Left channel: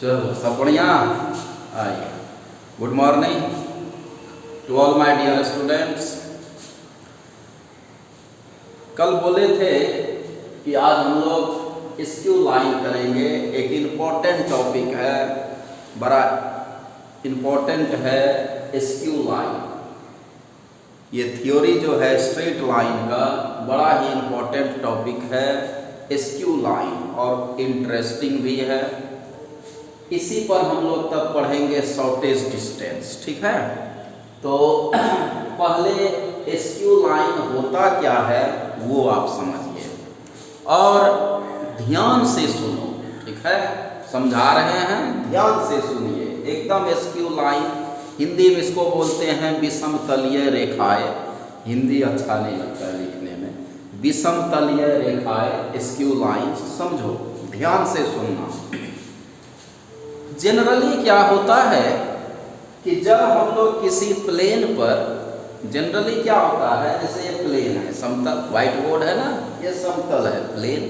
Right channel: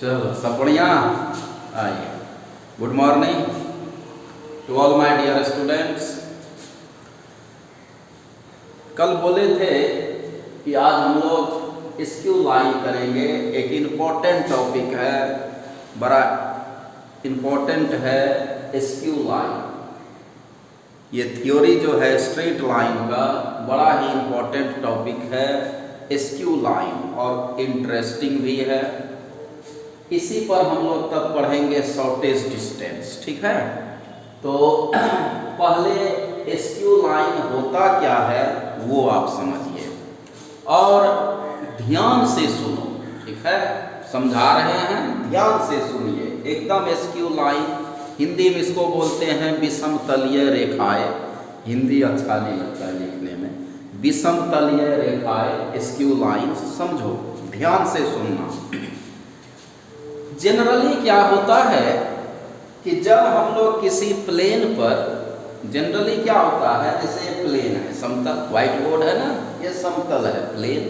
चलो सब बढ़िया। आइए, good morning to all my dear students. कल बोले थे कि आज हम लोग स्क्यू लाइन करेंगे। एक इम्पोर्टेंट टॉपिक है, बड़ा इम्पोर्टेंट है स्क्यू लाइन। ये थ्योरी जो है स्ट्रेट लाइन का बड़ा ही इम्पोर्टेंट टॉपिक है स्क्यू लाइन, और इंटरेस्टिंग भी है। इसी पर हम लोग तब पढ़ेंगे शॉर्टेज डिस्टेंस, ठीक है। तो पहले स्क्यू लाइन होता क्या है वो आप समझिए और ध्यान से सुनो, ठीक है। समझा रहे हैं, ध्यान से सुनिए एकदम। स्क्यू लाइन हिंदी में इसको बोलते हैं विषमतलीय रेखाएं। हिंदी अच्छा नहीं लगता है लिखने में। विषमतलीय रेखाएं स्क्यू लाइन, समझो, ध्यान से सुनना। जनरली क्या होता है कि जब हम लोग किसी प्लेन पर, जनरली क्या होता है, जैसे ये प्लेन है, समतल, व्हाइट बोर्ड है ना, ये समतल है प्लेन,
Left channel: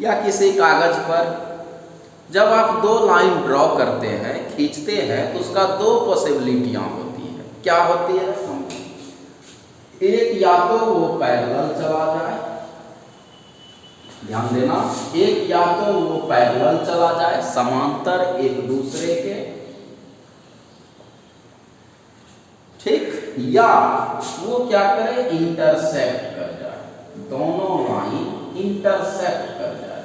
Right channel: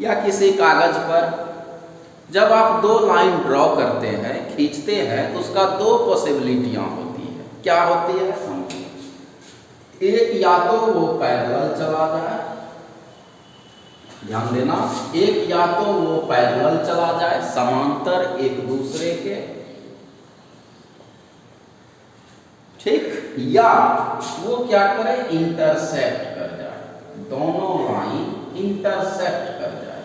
या किसी कागज पर जब आप दो लाइन ड्रॉ करते हैं, खींचते हैं, तो उसका दो पॉसिबिलिटियां होती है। क्या होती है? एक, या तो वो पैरेलल चला जाए, ध्यान देना, एक या तो वो पैरेलल चला जाए, समांतर एक दूसरे के, ठीक, या वो क्या करे, इंटरसेक्ट कर जाए, दोनों लाइन इंटरसेक्ट कर जाए।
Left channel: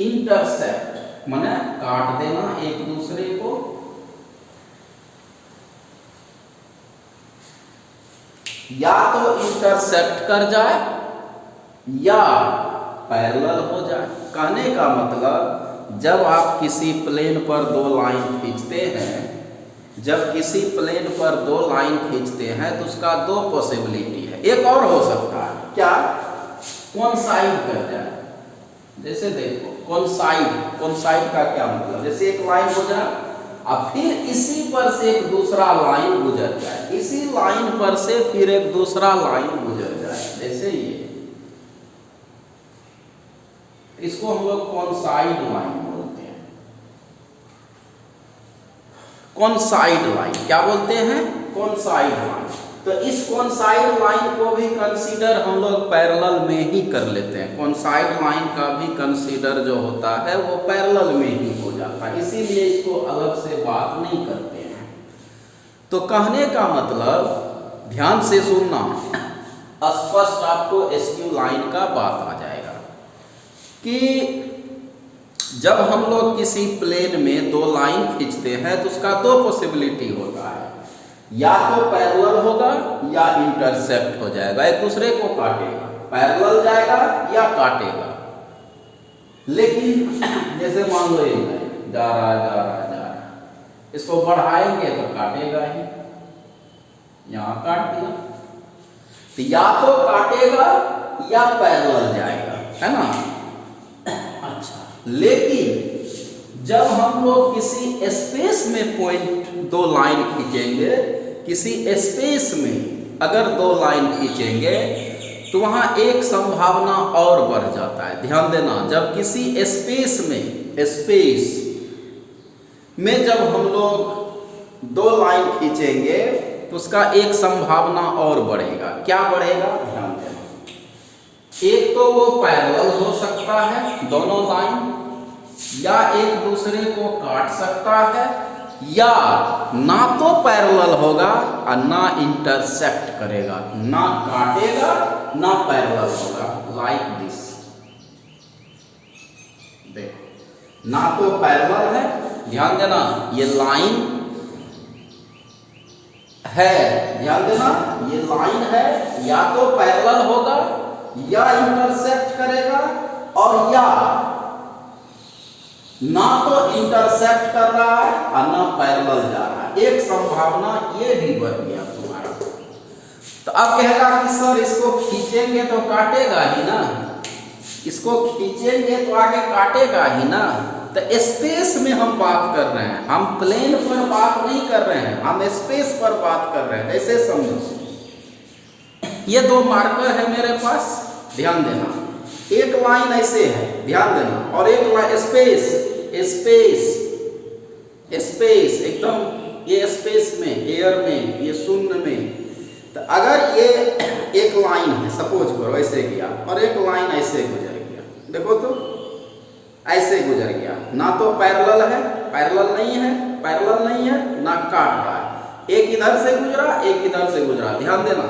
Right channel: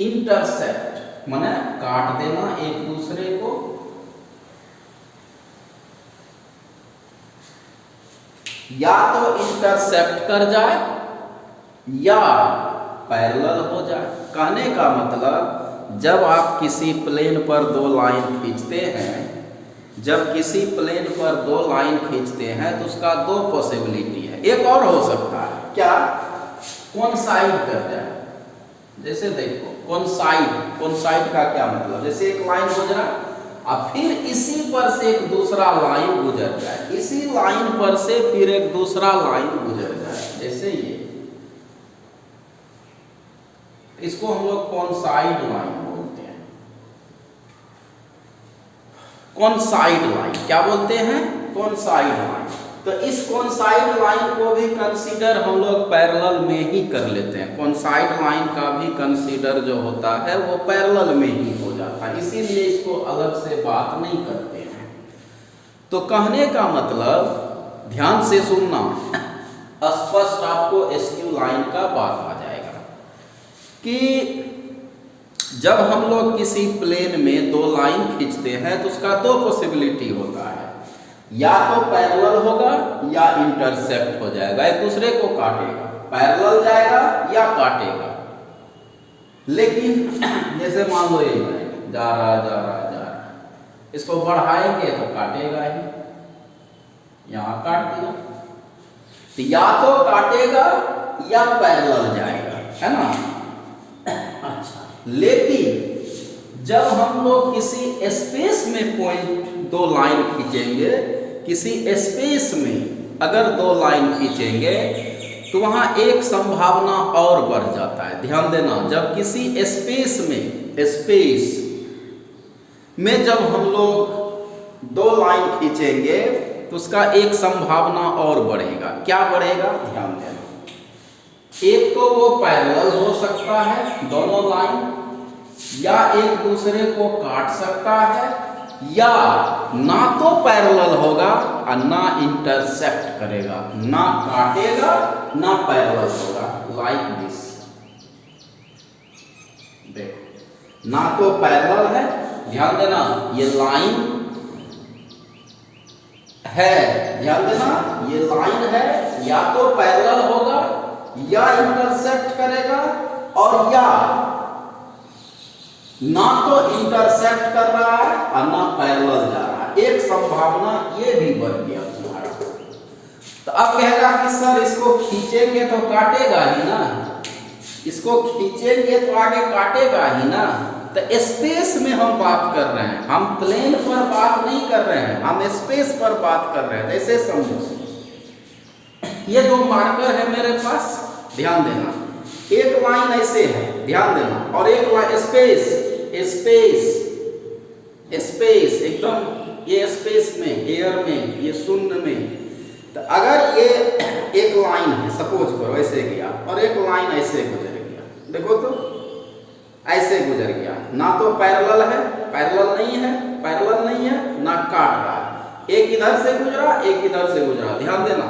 इंटरसेक्ट माने काट देना एक दूसरे को, या तो इंटरसेक्ट कर जाए या पैरेलल हो जाए। कहने का मतलब, जब आप किसी प्लेन पर दो लाइन खींचते हैं, जब किसी प्लेन पर दो लाइन खींचते हैं तो उसका दो पॉसिबिलिटी है। एक और हो सकता है, क्या, कोइंसाइड कर जाए। जैसे देखो, कोइंसाइड का क्या मतलब, जैसे एक लाइन गुजरा और फिर इसी पर से एक दूसरा लाइन गुजर जाए, इसी लाइन पर से फिर एक दूसरा लाइन गुजर जाए, जैसे ये, इसको हम लोग कोइंसाइड लाइन बोलते हैं। कोइंसाइड लाइन क्या बोलते हैं? Coincide line. तो इस कोइंसाइड लाइन को भी कंसीडर हम लोग पैरेलल में ही कर लेते हैं। कोइंसाइड लाइन का भी कंसीडर जो होता है वो पैरेलल में ही हो जाता है, इसीलिए इसको अलग से बात नहीं करते हैं। तो कहने का मतलब, ध्यान से सुनना, स्पष्ट आपको स्क्यू लाइन का बात आ जाएगा कि जब हम लोग किसी प्लेन में दो लाइन खींचते हैं तो उसका दो पॉसिबिलिटी होता है, या तो पैरेलल होगा या इंटरसेक्ट हो जाएगा, एक दूसरे को काटेगा, पैरेलल जाएगा या काटेगा। लेकिन जैसे मान लो ये जा रहा, इसको बढ़ाएंगे तो काटेगा ही, यहां काट दिया, तो या तो काटेगा या पैरेलल जाएगा, है ना। अच्छा, लेकिन जब हम लोग किसी स्पेस में कोई दो लाइन खींचेंगे, किसी स्पेस में अगर दो लाइन खींचेंगे तो वहां एक संभावना और बढ़ जाता है। ध्यान देना, जब किसी स्पेस में जब हम लोग दो लाइन खींचेंगे तो उसका एक संभावना और बढ़ेगा। क्या बढ़ेगा? ध्यान देना, एक तो वो पैरेलल हो सकता है दोनों लाइन, या एक दूसरे को काट सकता है, या ना तो पैरेलल होगा और ना इंटरसेक्ट करेगा, ना काटेगा ना पैरेलल होगा, लाइक दिस। देखो, ना तो पैरेलल है, ध्यान देना, ये लाइन है, ध्यान देना, ये लाइन है, या तो पैरेलल होगा या इंटरसेक्ट करेगा, और या ना तो इंटरसेक्ट कर रहा है और ना पैरेलल जा रहा है। एक संभावना ये भी बढ़ गया तुम्हारा। तो अब कहेगा कि सर इसको खींचेंगे तो काटेगा ही ना, इसको खींचेंगे तो आगे काटेगा ही ना। तो स्पेस में हम बात कर रहे हैं, हम प्लेन पर बात नहीं कर रहे हैं, हम स्पेस पर बात कर रहे हैं। ऐसे समझो, ये दो मार्कर है मेरे पास, ध्यान देना। एक लाइन ऐसे है, ध्यान देना, और एक लाइन स्पेस स्पेस स्पेस एकदम ये स्पेस में, एयर में, ये शून्य में। तो अगर ये एक लाइन है, सपोज करो ऐसे गया, और एक लाइन ऐसे गुजर गया, देखो तो ऐसे गुजर गया, ना तो पैरेलल है, पैरेलल नहीं है, पैरेलल नहीं है, ना काट रहा है। एक इधर से गुजरा, एक इधर से गुजरा, ध्यान देना।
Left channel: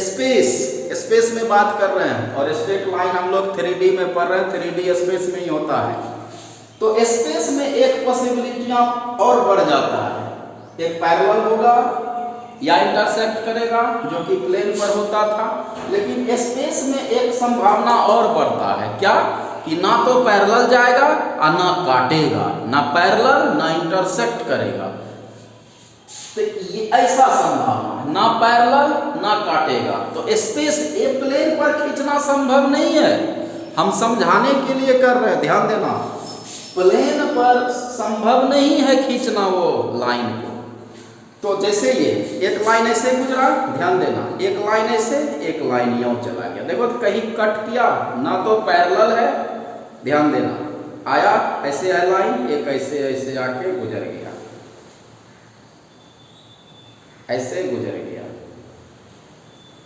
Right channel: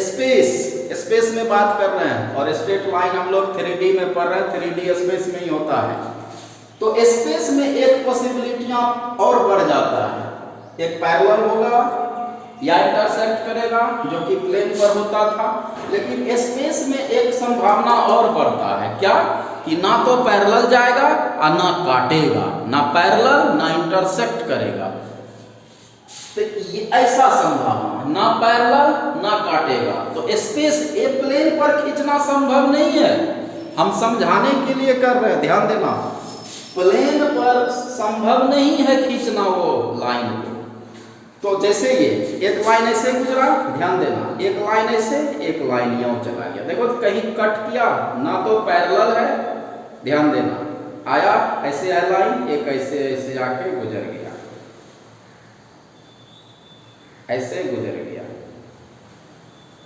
स्पेस स्पेस में बात कर रहे हैं, और स्ट्रेट लाइन हम लोग 3D में पढ़ रहे हैं, 3D स्पेस में ही होता है। तो स्पेस में एक पॉसिबिलिटियां और बढ़ जाता है, एक पैरेलल होगा या इंटरसेक्ट करेगा, जो कि प्लेन पर होता था। लेकिन स्पेस में एक संभावना और बढ़ता है, क्या कि ना तो पैरेलल जाएगा और ना काटेगा, ना पैरेलल ना इंटरसेक्ट करेगा। तो ये ऐसा संभावना है, ना पैरेलल ना काटेगा। तो स्पेस ए प्लेन पर खींचना संभव नहीं है, हम समझाने के लिए कर रहे हैं, ध्यान देना। प्लेन पर संभव नहीं है खींचना वो लाइन को। तो जैसे ये एक लाइन ऐसे गुजरा, ध्यान देना, एक लाइन ऐसे, एक लाइन यूं चला गया, देखो तो कहीं कट किया, ना तो पैरेलल है, ध्यान देना, आया ऐसे है लाइन, एक ऐसे ऐसे आके गुजर गया, ऐसे गुजर गया,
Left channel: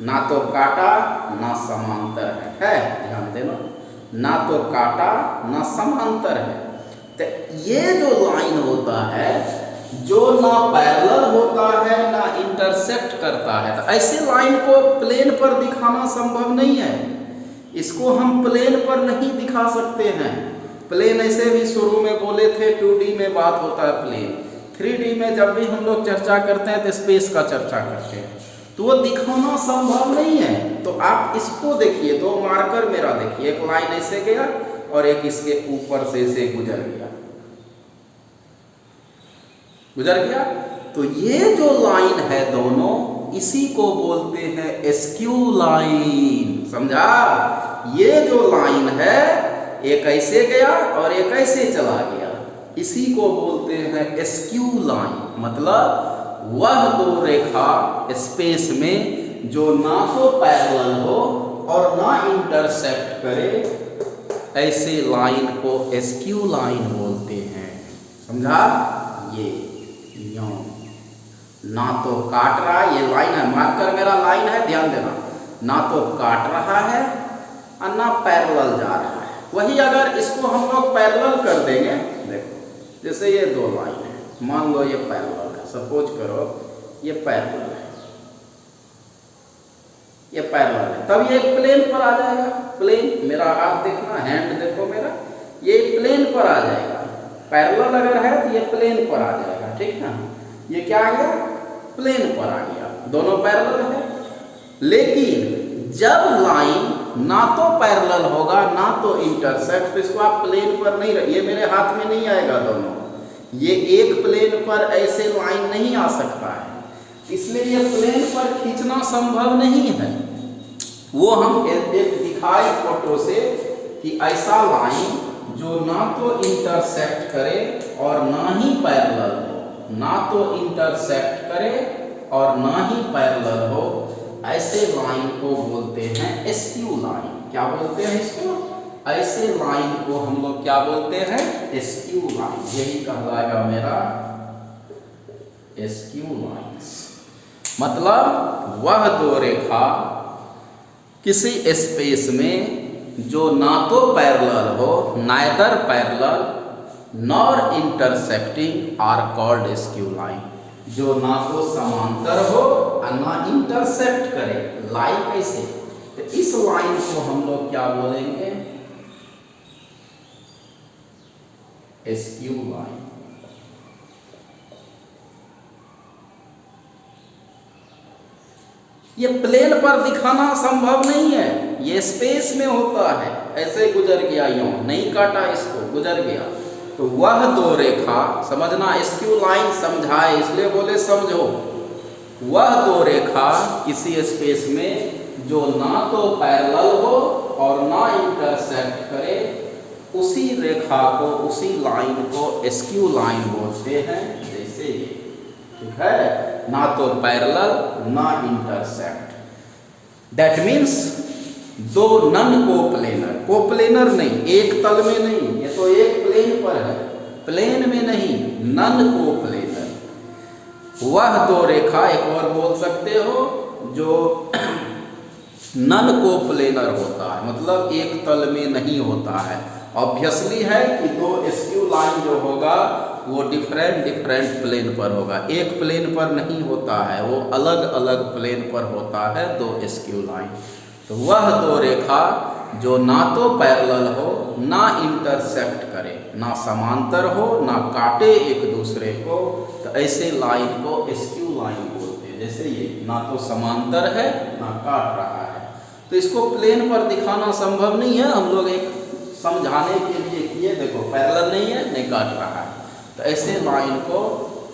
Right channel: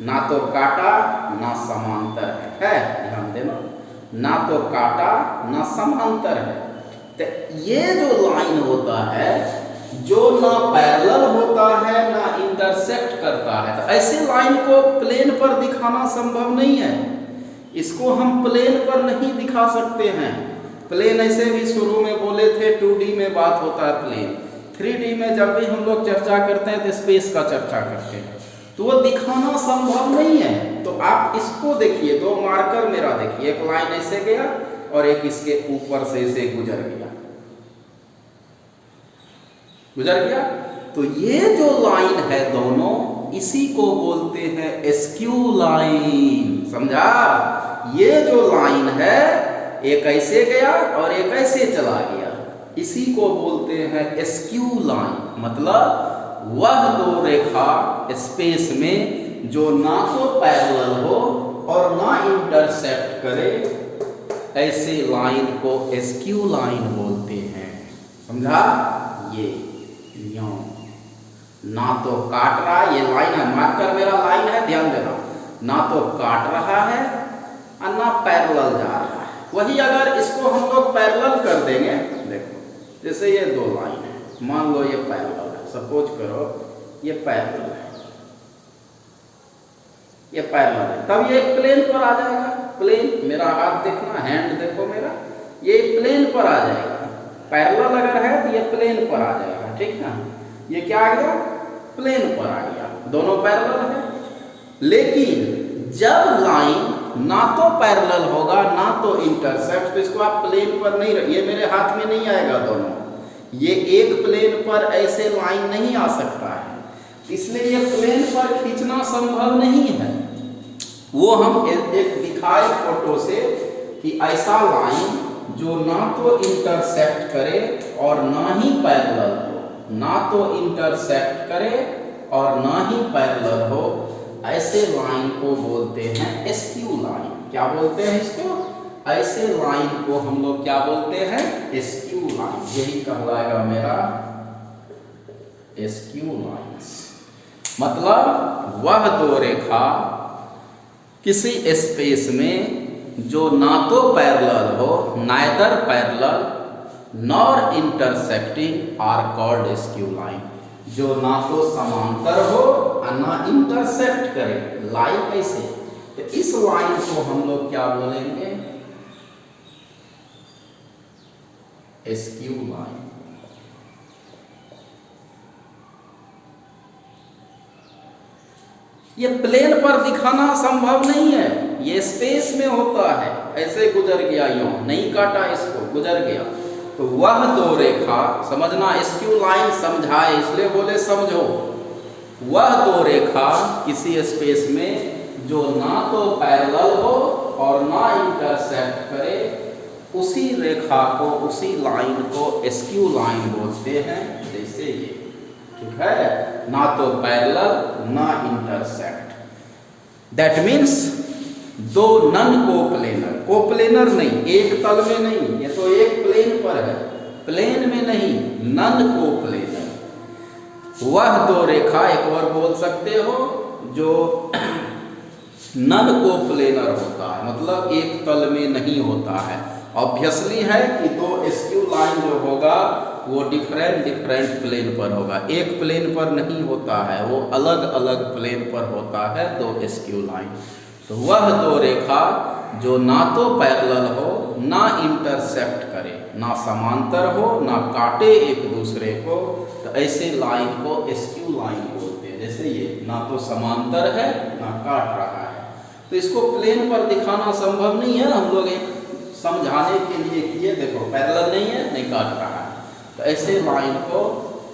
ना तो काटा ना समांतर है, ध्यान देना, ना तो काटा ना समांतर है। तो ये जो लाइन होता है, जो ना पैरेलल होता है ना इंटरसेक्ट करता है, तो ऐसे लाइन को प्लेन पर दिखाना संभव नहीं है। इसको हम प्लेन पर नहीं दिखा सकते हैं। प्लेन ऐसे भी शुरू में बोले थे 2D में बात होता है प्लेन, 3D में जब भी हम लोग चर्चा करते हैं तो स्पेस का चर्चा करते हैं, तो वो दिखाना संभव नहीं है। तो आप इसको देखिए, दो मार्कर मेरा देखिए, एक लाइन ऐसे गया और एक इसके ऊपर से ऐसे गुजर गया, गुजर गया। तो ये जो लाइन है दोनों, इसी को बोलते हैं एस्क्यू लाइन, समझा? ये जो लाइन है, एक ऐसे गया और एक ऐसे चला गया, इसी को बोलते हैं एस्क्यू लाइन। मतलब वह दो रेखा स्पेस में जो ना तो पैरेलल हो और ना इंटरसेक्ट करे, ऐसे लाइन को एस्क्यू लाइन बोलते हैं, समझा? ये ना तो काट रहा है, ये लाइन है, मार्कर मेरा लाइन है, ध्यान देना, ना तो काट रहा है और ना पैरेलल जा रहा है। वही अगर इसको हम लोग पैरेलल कर देंगे, देखो जैसे ये दो लाइन है, मान लो ये पैरेलल है, सपोज करो ये पैरेलल है, ये पैरेलल है, तब ये प्लेन पर आ जाएगा। प्लेन, मेरा हाथ देखना, हैंड देखो मेरा, ये प्लेन पर आ जाएगा। पैरेलल अगर है तो ये प्लेन पर आ जाएगा, ठीक है? ये क्या आ गया? प्लेन पर आ गया, दोनों पैरेलल है। लेकिन जब लाइन ना तो पैरेलल होगा ना तो इंटरसेक्ट, तो इसको आप प्लेन पर नहीं, ये मेरे हाथ में नहीं आएगा दोनों, ये एक प्लेन पर ऐसे लाइन नहीं आ सकता है, इसलिए ये प्लेन पर खींचना संभव नहीं है। वो हम एक दिखाए फोटो से कि ऐसा लाइन जो ना तो इंटरसेक्ट करे और ना ही पैरेलल हो, ना तो इंटरसेक्ट करे और ना ही पैरेलल हो, ऐसे लाइन को बोलते हैं एस्क्यू लाइन। क्या बोलते हैं इसको? ऐसे लाइन को हम लोग क्या बोलते हैं? Askew line. यही कहलाएगा मेरा एस्क्यू लाइन्स। मतलब वह दो रेखा किसी स्पेस में जो ना तो पैरेलल हो, neither parallel nor intersecting are called skew line. जो ना तो समांतर हो और ना इंटरसेक्ट करे, लाइन कैसे? तो इस लाइन को हम लोग क्या बोलेंगे? Askew line. ये प्लेन पर दिखाना संभव नहीं है, ये स्पेस में होता है। ऐसे गुजर गया, यूं नहीं काटा इसको, गुजर गया। तो वह दो रेखा, समझना, एस्क्यू लाइन समझाए इसलिए बोले समझो। वह दो रेखा किसी स्पेस में जो ना तो पैरेलल हो और ना इंटरसेक्ट करे, उसी रेखा को, उसी लाइन को एस्क्यू लाइन बोलते हैं। जैसे ये, ठीक है, ना तो पैरेलल ना इंटरसेक्ट। दैट मीन्स दो नन कोप्लेनर, कोप्लेनर नहीं, एक तल में नहीं, ये तो एक प्लेन पर है, प्लेन में नहीं, नन कोप्लेनर। वह दो रेखा, एक और बोल सकते हो, जो नन कोप्लेनर होता है, मतलब एक तल में नहीं होता है। ऑब्वियसली है कि दो एसक्यू लाइन जो होगा वो डिफरेंट प्लेन पर होगा, एक प्लेन पर नहीं होता है, वो अलग अलग प्लेन पर होता है दो एसक्यू लाइन। तो वह दो रेखा जो ना तो पैरेलल हो, ना इंटरसेक्ट करे, ना समांतर हो, ना काटे एक दूसरे को, तो ऐसे लाइन को एसक्यू लाइन बोलते हैं। जैसे ये ना तो समांतर है ना काट रहा है, तो इसको प्लेन पर दिखाना संभव नहीं है। हम लोग एक समझाने के लिए किए, देखो पैरेलल नहीं है, नहीं काट रहा है, तो ऐसे लाइन को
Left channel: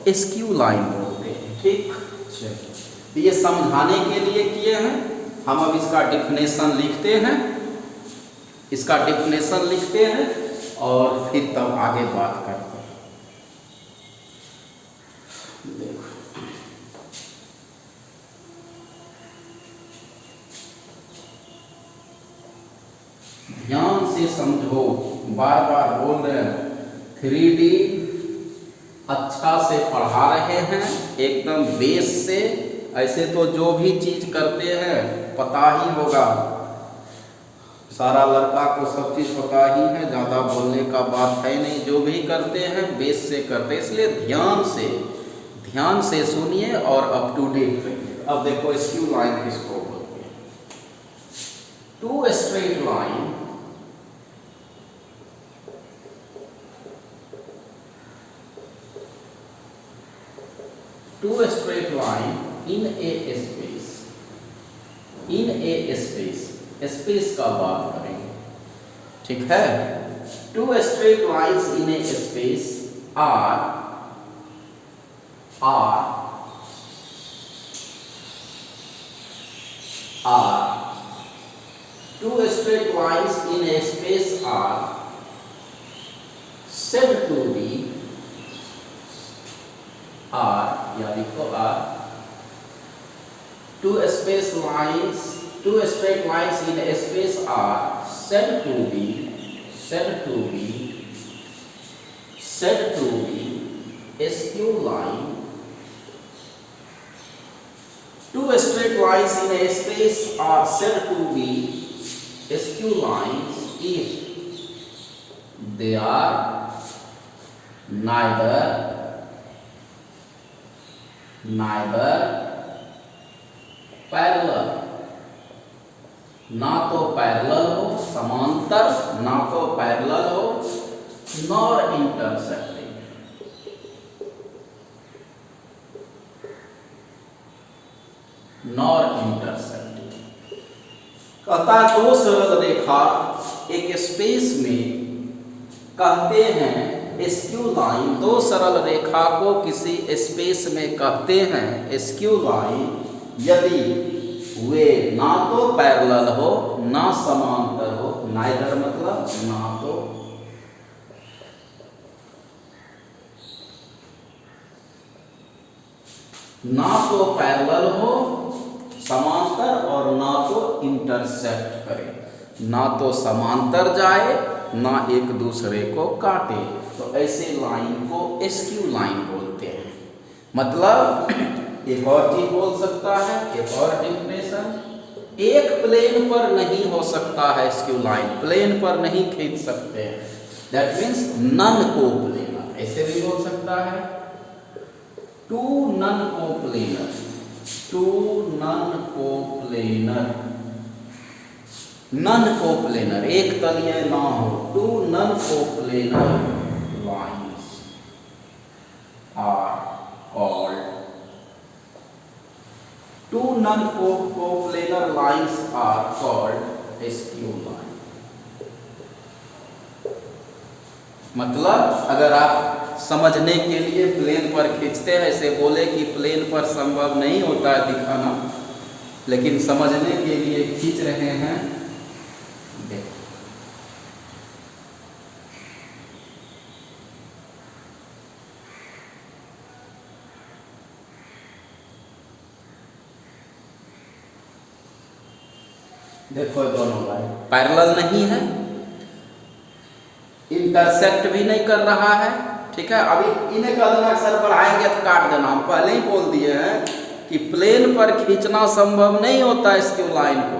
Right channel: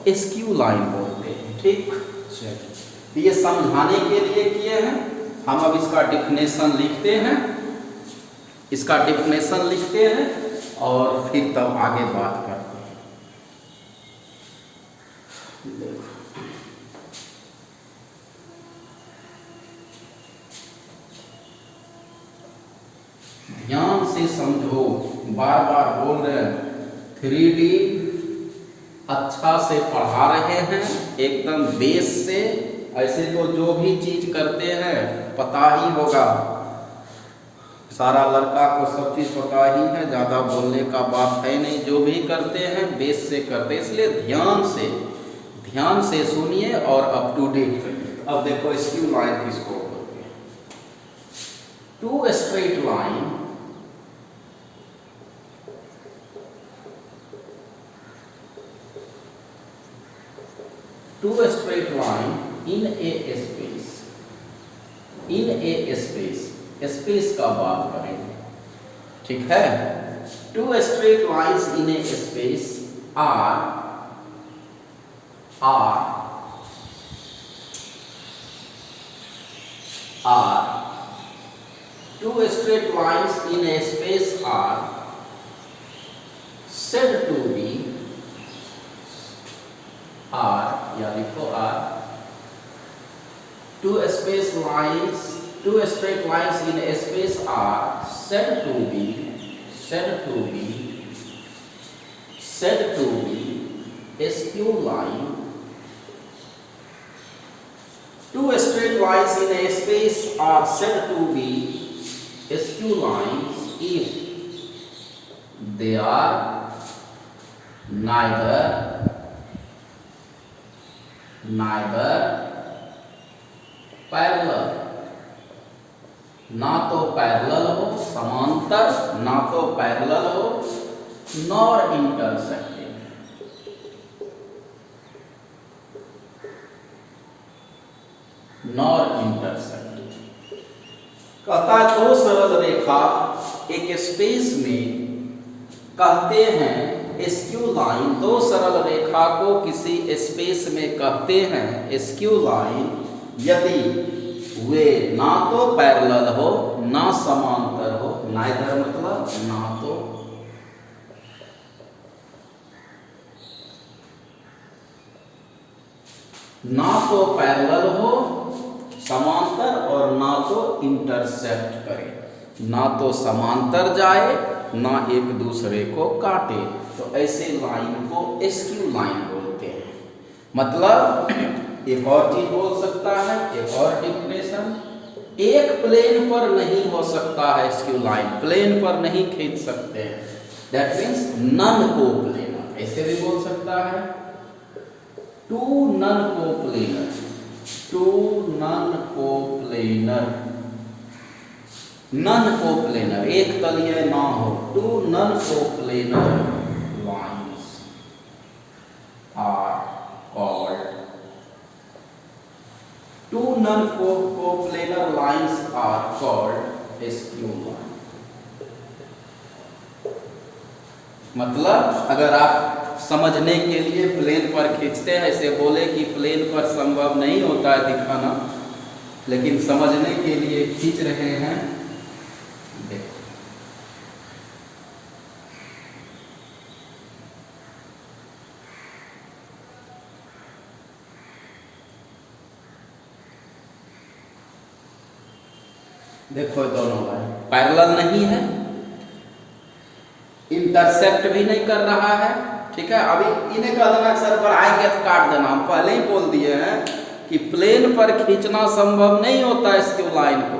एसक्यू लाइन बोलते हैं। ठीक, चलिए ये समझाने के लिए किए हैं। हम अब इसका डिफिनेशन लिखते हैं, इसका डिफिनेशन लिखते हैं और फिर तब आगे बात करते हैं। देखो, ध्यान से समझो, बार बार बोल रहे हैं, 3D अच्छा से पढ़ा रहे हैं, एकदम बेस से। ऐसे तो जो भी चीज करते हैं पता ही होगा, सारा लड़का को सब चीज पता ही है, ज़्यादा बोलने का बात है नहीं। जो भी करते हैं बेस से करते हैं, इसलिए ध्यान से सुनिए और अप टू डेट करिए। अब देखो एसक्यू लाइन किसको बोलते हैं? Two straight line in a space, space का बात करेंगे, ठीक है। Two straight lines in a space are two straight lines in a space are said to be या देखो two straight lines in a space are said to be skew line. Two straight lines in a space are said to be skew lines if they are neither parallel, ना तो parallel हो समांतर, ना तो parallel हो nor intersecting. कहता दो सरल रेखा एक स्पेस में कहते हैं एसक्यू लाइन। दो सरल रेखा को किसी स्पेस में कहते हैं एसक्यू लाइन यदि वे ना तो पैरेलल हो ना समांतर हो। नाइदर मतलब ना तो पैरेलल हो समांतर और ना तो इंटरसेक्ट करे, ना तो समांतर जाए ना एक दूसरे को काटे, तो ऐसे लाइन को एसक्यू लाइन बोलते हैं। मतलब एक और चीज बोल सकता है, एक और डिफिनेशन, एक प्लेन पर नहीं हो सकता है एसक्यू लाइन, प्लेन पर नहीं खींच सकते हैं, दैट मीन्स नन कोप्लेनर, ऐसे भी बोल सकता है। टू नन कोप्लेनर, एक तलीय ना हो, two non coplanar lines are called skew line. मतलब अगर आप समझने के लिए प्लेन पर खींचते हैं, ऐसे बोले कि प्लेन पर संभव नहीं होता है दिखाना, लेकिन समझने के लिए खींच रहे हैं। देखो देखो दोनों लाइन पैरेलल नहीं है, इंटरसेक्ट भी नहीं कर रहा है। ठीक है, अभी इन्हें कह देना सर बढ़ाएंगे तो काट देना, हम पहले ही बोल दिए हैं कि प्लेन पर खींचना संभव नहीं होता स्क्यू लाइन को।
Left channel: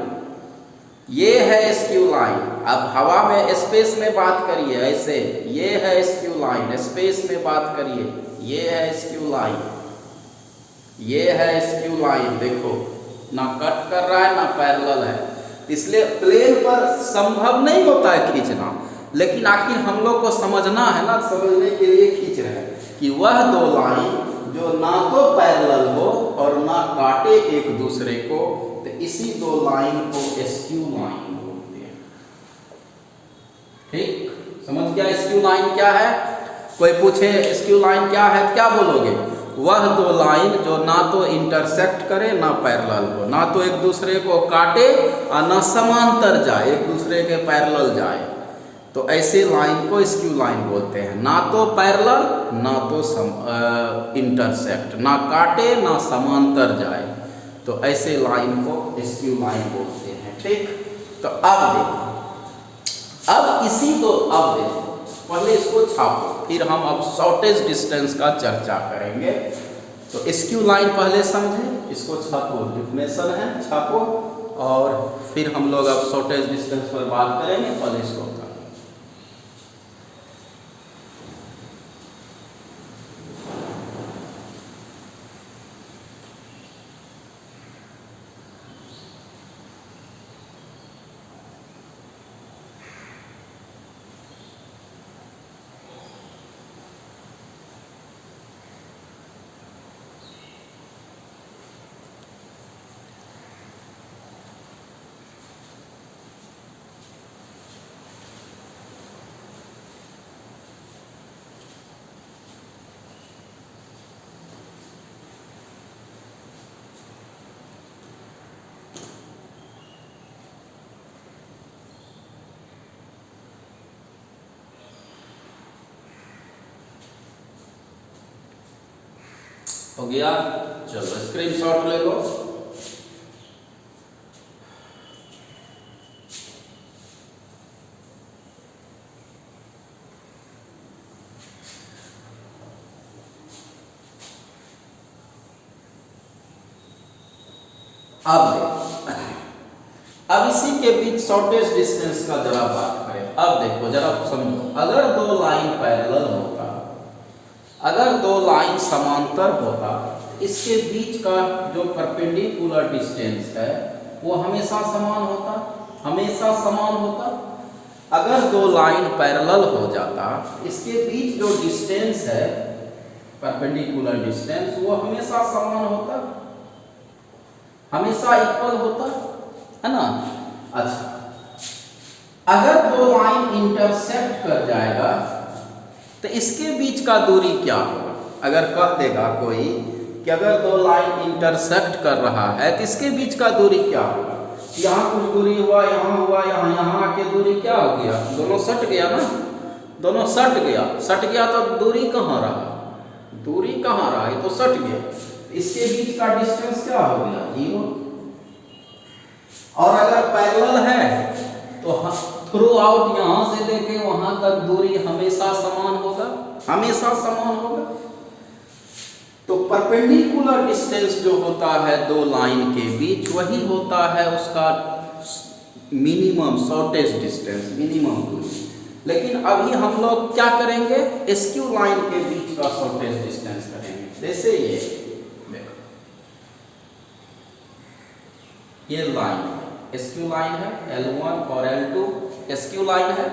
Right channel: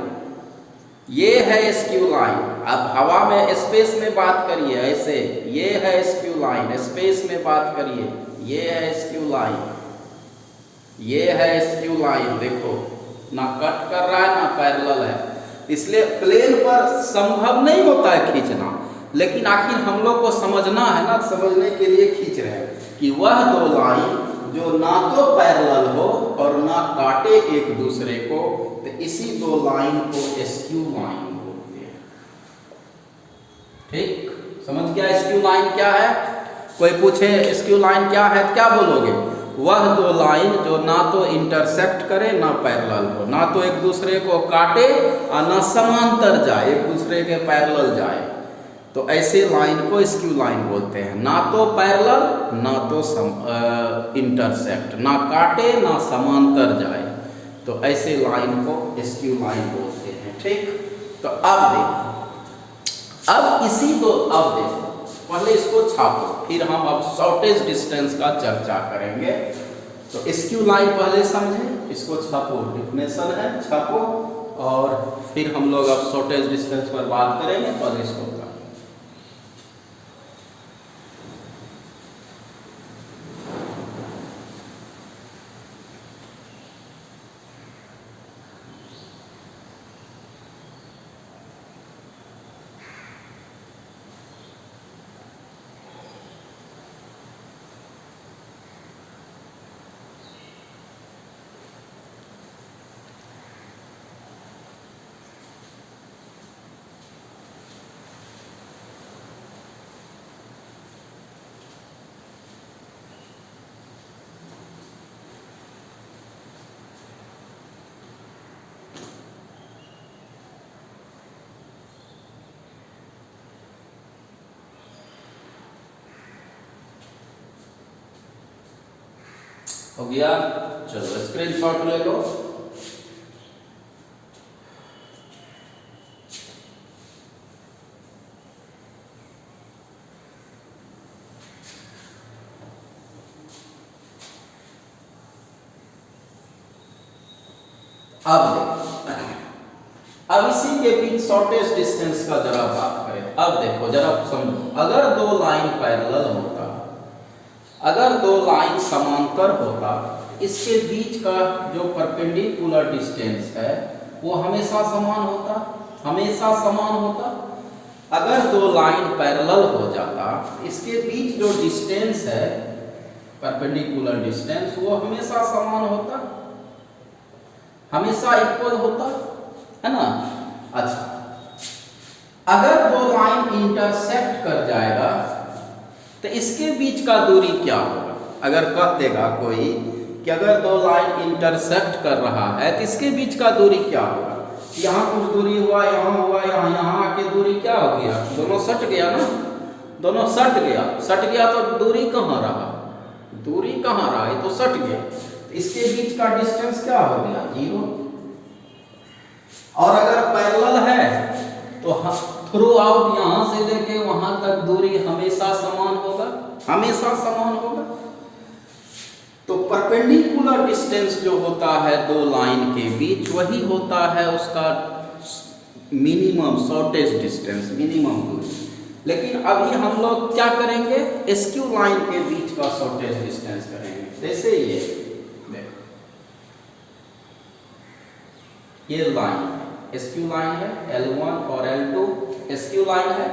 ये है स्क्यू लाइन। अब हवा में स्पेस में बात करिए ऐसे, ये है स्क्यू लाइन, स्पेस में बात करिए, ये है स्क्यू लाइन, ये है स्क्यू लाइन। देखो ना कट कर रहा है ना पैरेलल है, इसलिए प्लेन पर संभव नहीं होता है खींचना। लेकिन आखिर हम लोग को समझना है ना, समझने के लिए खींच रहे हैं कि वह दो लाइन जो ना तो पैरेलल हो और ना काटे एक दूसरे को, तो इसी दो लाइन को स्क्यू लाइन बोलते हैं। ठीक, समझ गया स्क्यू लाइन क्या है? कोई पूछे स्क्यू लाइन क्या है, क्या बोलोगे? वह दो लाइन जो ना तो इंटरसेक्ट करे ना पैरेलल हो, ना तो एक दूसरे को काटे और ना समांतर जाए, एक दूसरे के पैरेलल जाए, तो ऐसे लाइन को स्क्यू लाइन बोलते हैं। ना तो पैरेलल ना तो इंटरसेक्ट, ना काटे ना समांतर जाए, तो ऐसे लाइन को स्क्यू लाइन बोलते हैं। ठीक, तो अब देखो, अब इसी को अब देखो, पहले इसको छापो, फिर हम अब शॉर्टेज डिस्टेंस का चर्चा करेंगे। तो स्क्यू लाइन पहले समझे, इसको छापो, डिफिनेशन है, छापो, और फिर हम लोग अब शॉर्टेज डिस्टेंस पर बात करेंगे। पहले इसको हो गया, चलो स्क्रीनशॉट ले लो। अब इसी के बीच शॉर्टेज डिस्टेंस का जरा बात करें। अब देखो जरा समझो, अगर दो लाइन पैरेलल होता, अगर दो लाइन समांतर होता, इसके बीच का जो परपेंडिकुलर डिस्टेंस है वो हमेशा समान होता, हमेशा समान होता। अगर दो लाइन पैरेलल हो जाता, इसके बीच जो डिस्टेंस है परपेंडिकुलर डिस्टेंस, वो हमेशा समान होता, हमेशा इक्वल होता है ना। अच्छा, अगर दो लाइन इंटरसेक्ट कर जाएगा तो इसके बीच का दूरी क्या होगा? अगर कह देगा कोई कि अगर दो लाइन इंटरसेक्ट कर रहा है तो इसके बीच का दूरी क्या होगा? यहाँ कुछ दूरी हुआ, यहाँ हुआ, यहाँ आके दूरी क्या हो गया? दोनों सट गया ना, दोनों सट गया, सट गया तो दूरी कहाँ रहा? दूरी कहाँ रहा? ये तो सट गया। इसके बीच का डिस्टेंस क्या हो गया? 0। और अगर पैरेलल है तो थ्रू आउट यहां से लेके वहां तक दूरी हमेशा समान होगा, हमेशा समान होगा। तो परपेंडिकुलर डिस्टेंस जो होता है दो लाइन के बीच, वही होता है उसका मिनिमम शॉर्टेज डिस्टेंस, मिनिमम दूरी। लेकिन अभी हम लोग क्या करेंगे? स्क्यू लाइन के बीच का शॉर्टेज डिस्टेंस करेंगे। जैसे ये देखो, ये लाइन स्क्यू लाइन है, L1 और L2 स्क्यू लाइन है,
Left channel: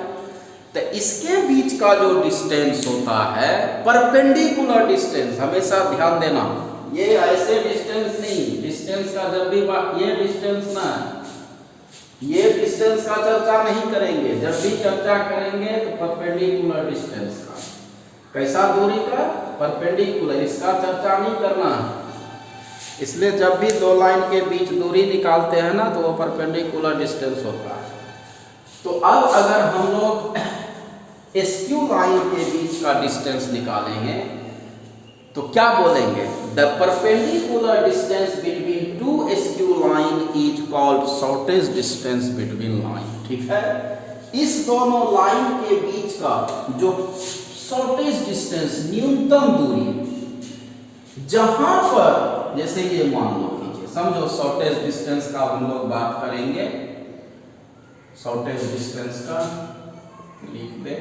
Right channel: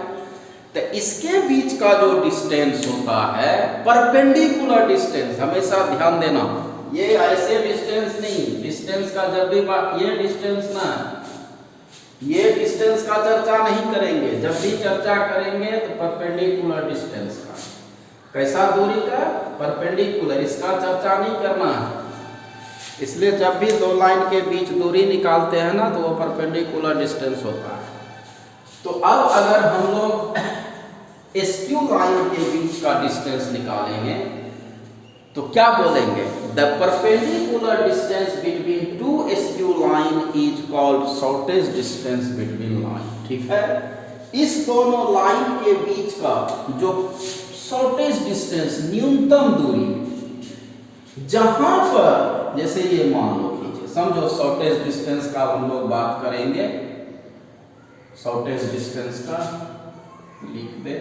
तो इसके बीच का जो डिस्टेंस होता है परपेंडिकुलर डिस्टेंस, हमेशा ध्यान देना, ये ऐसे डिस्टेंस नहीं, डिस्टेंस का जब भी ये डिस्टेंस ना, ये डिस्टेंस का चर्चा नहीं करेंगे। जब भी चर्चा करेंगे तो परपेंडिकुलर डिस्टेंस का, कैसा दूरी का? परपेंडिकुलर, इसका चर्चा नहीं करना है। इसलिए जब भी दो लाइन के बीच दूरी निकालते हैं ना तो वो परपेंडिकुलर डिस्टेंस होता है। तो अब अगर हम लोग स्क्यू लाइन के बीच का डिस्टेंस निकालेंगे तो क्या बोलेंगे? The perpendicular distance between two SQ line is called shortest distance between line. ठीक है, इस दोनों लाइन के बीच का जो शॉर्टेस्ट डिस्टेंस, न्यूनतम दूरी, जहां पर जैसे ये मान लो कीजिए, समझो शॉर्टेस्ट डिस्टेंस का हम लोग बात करेंगे, शॉर्टेस्ट डिस्टेंस का लिख दे,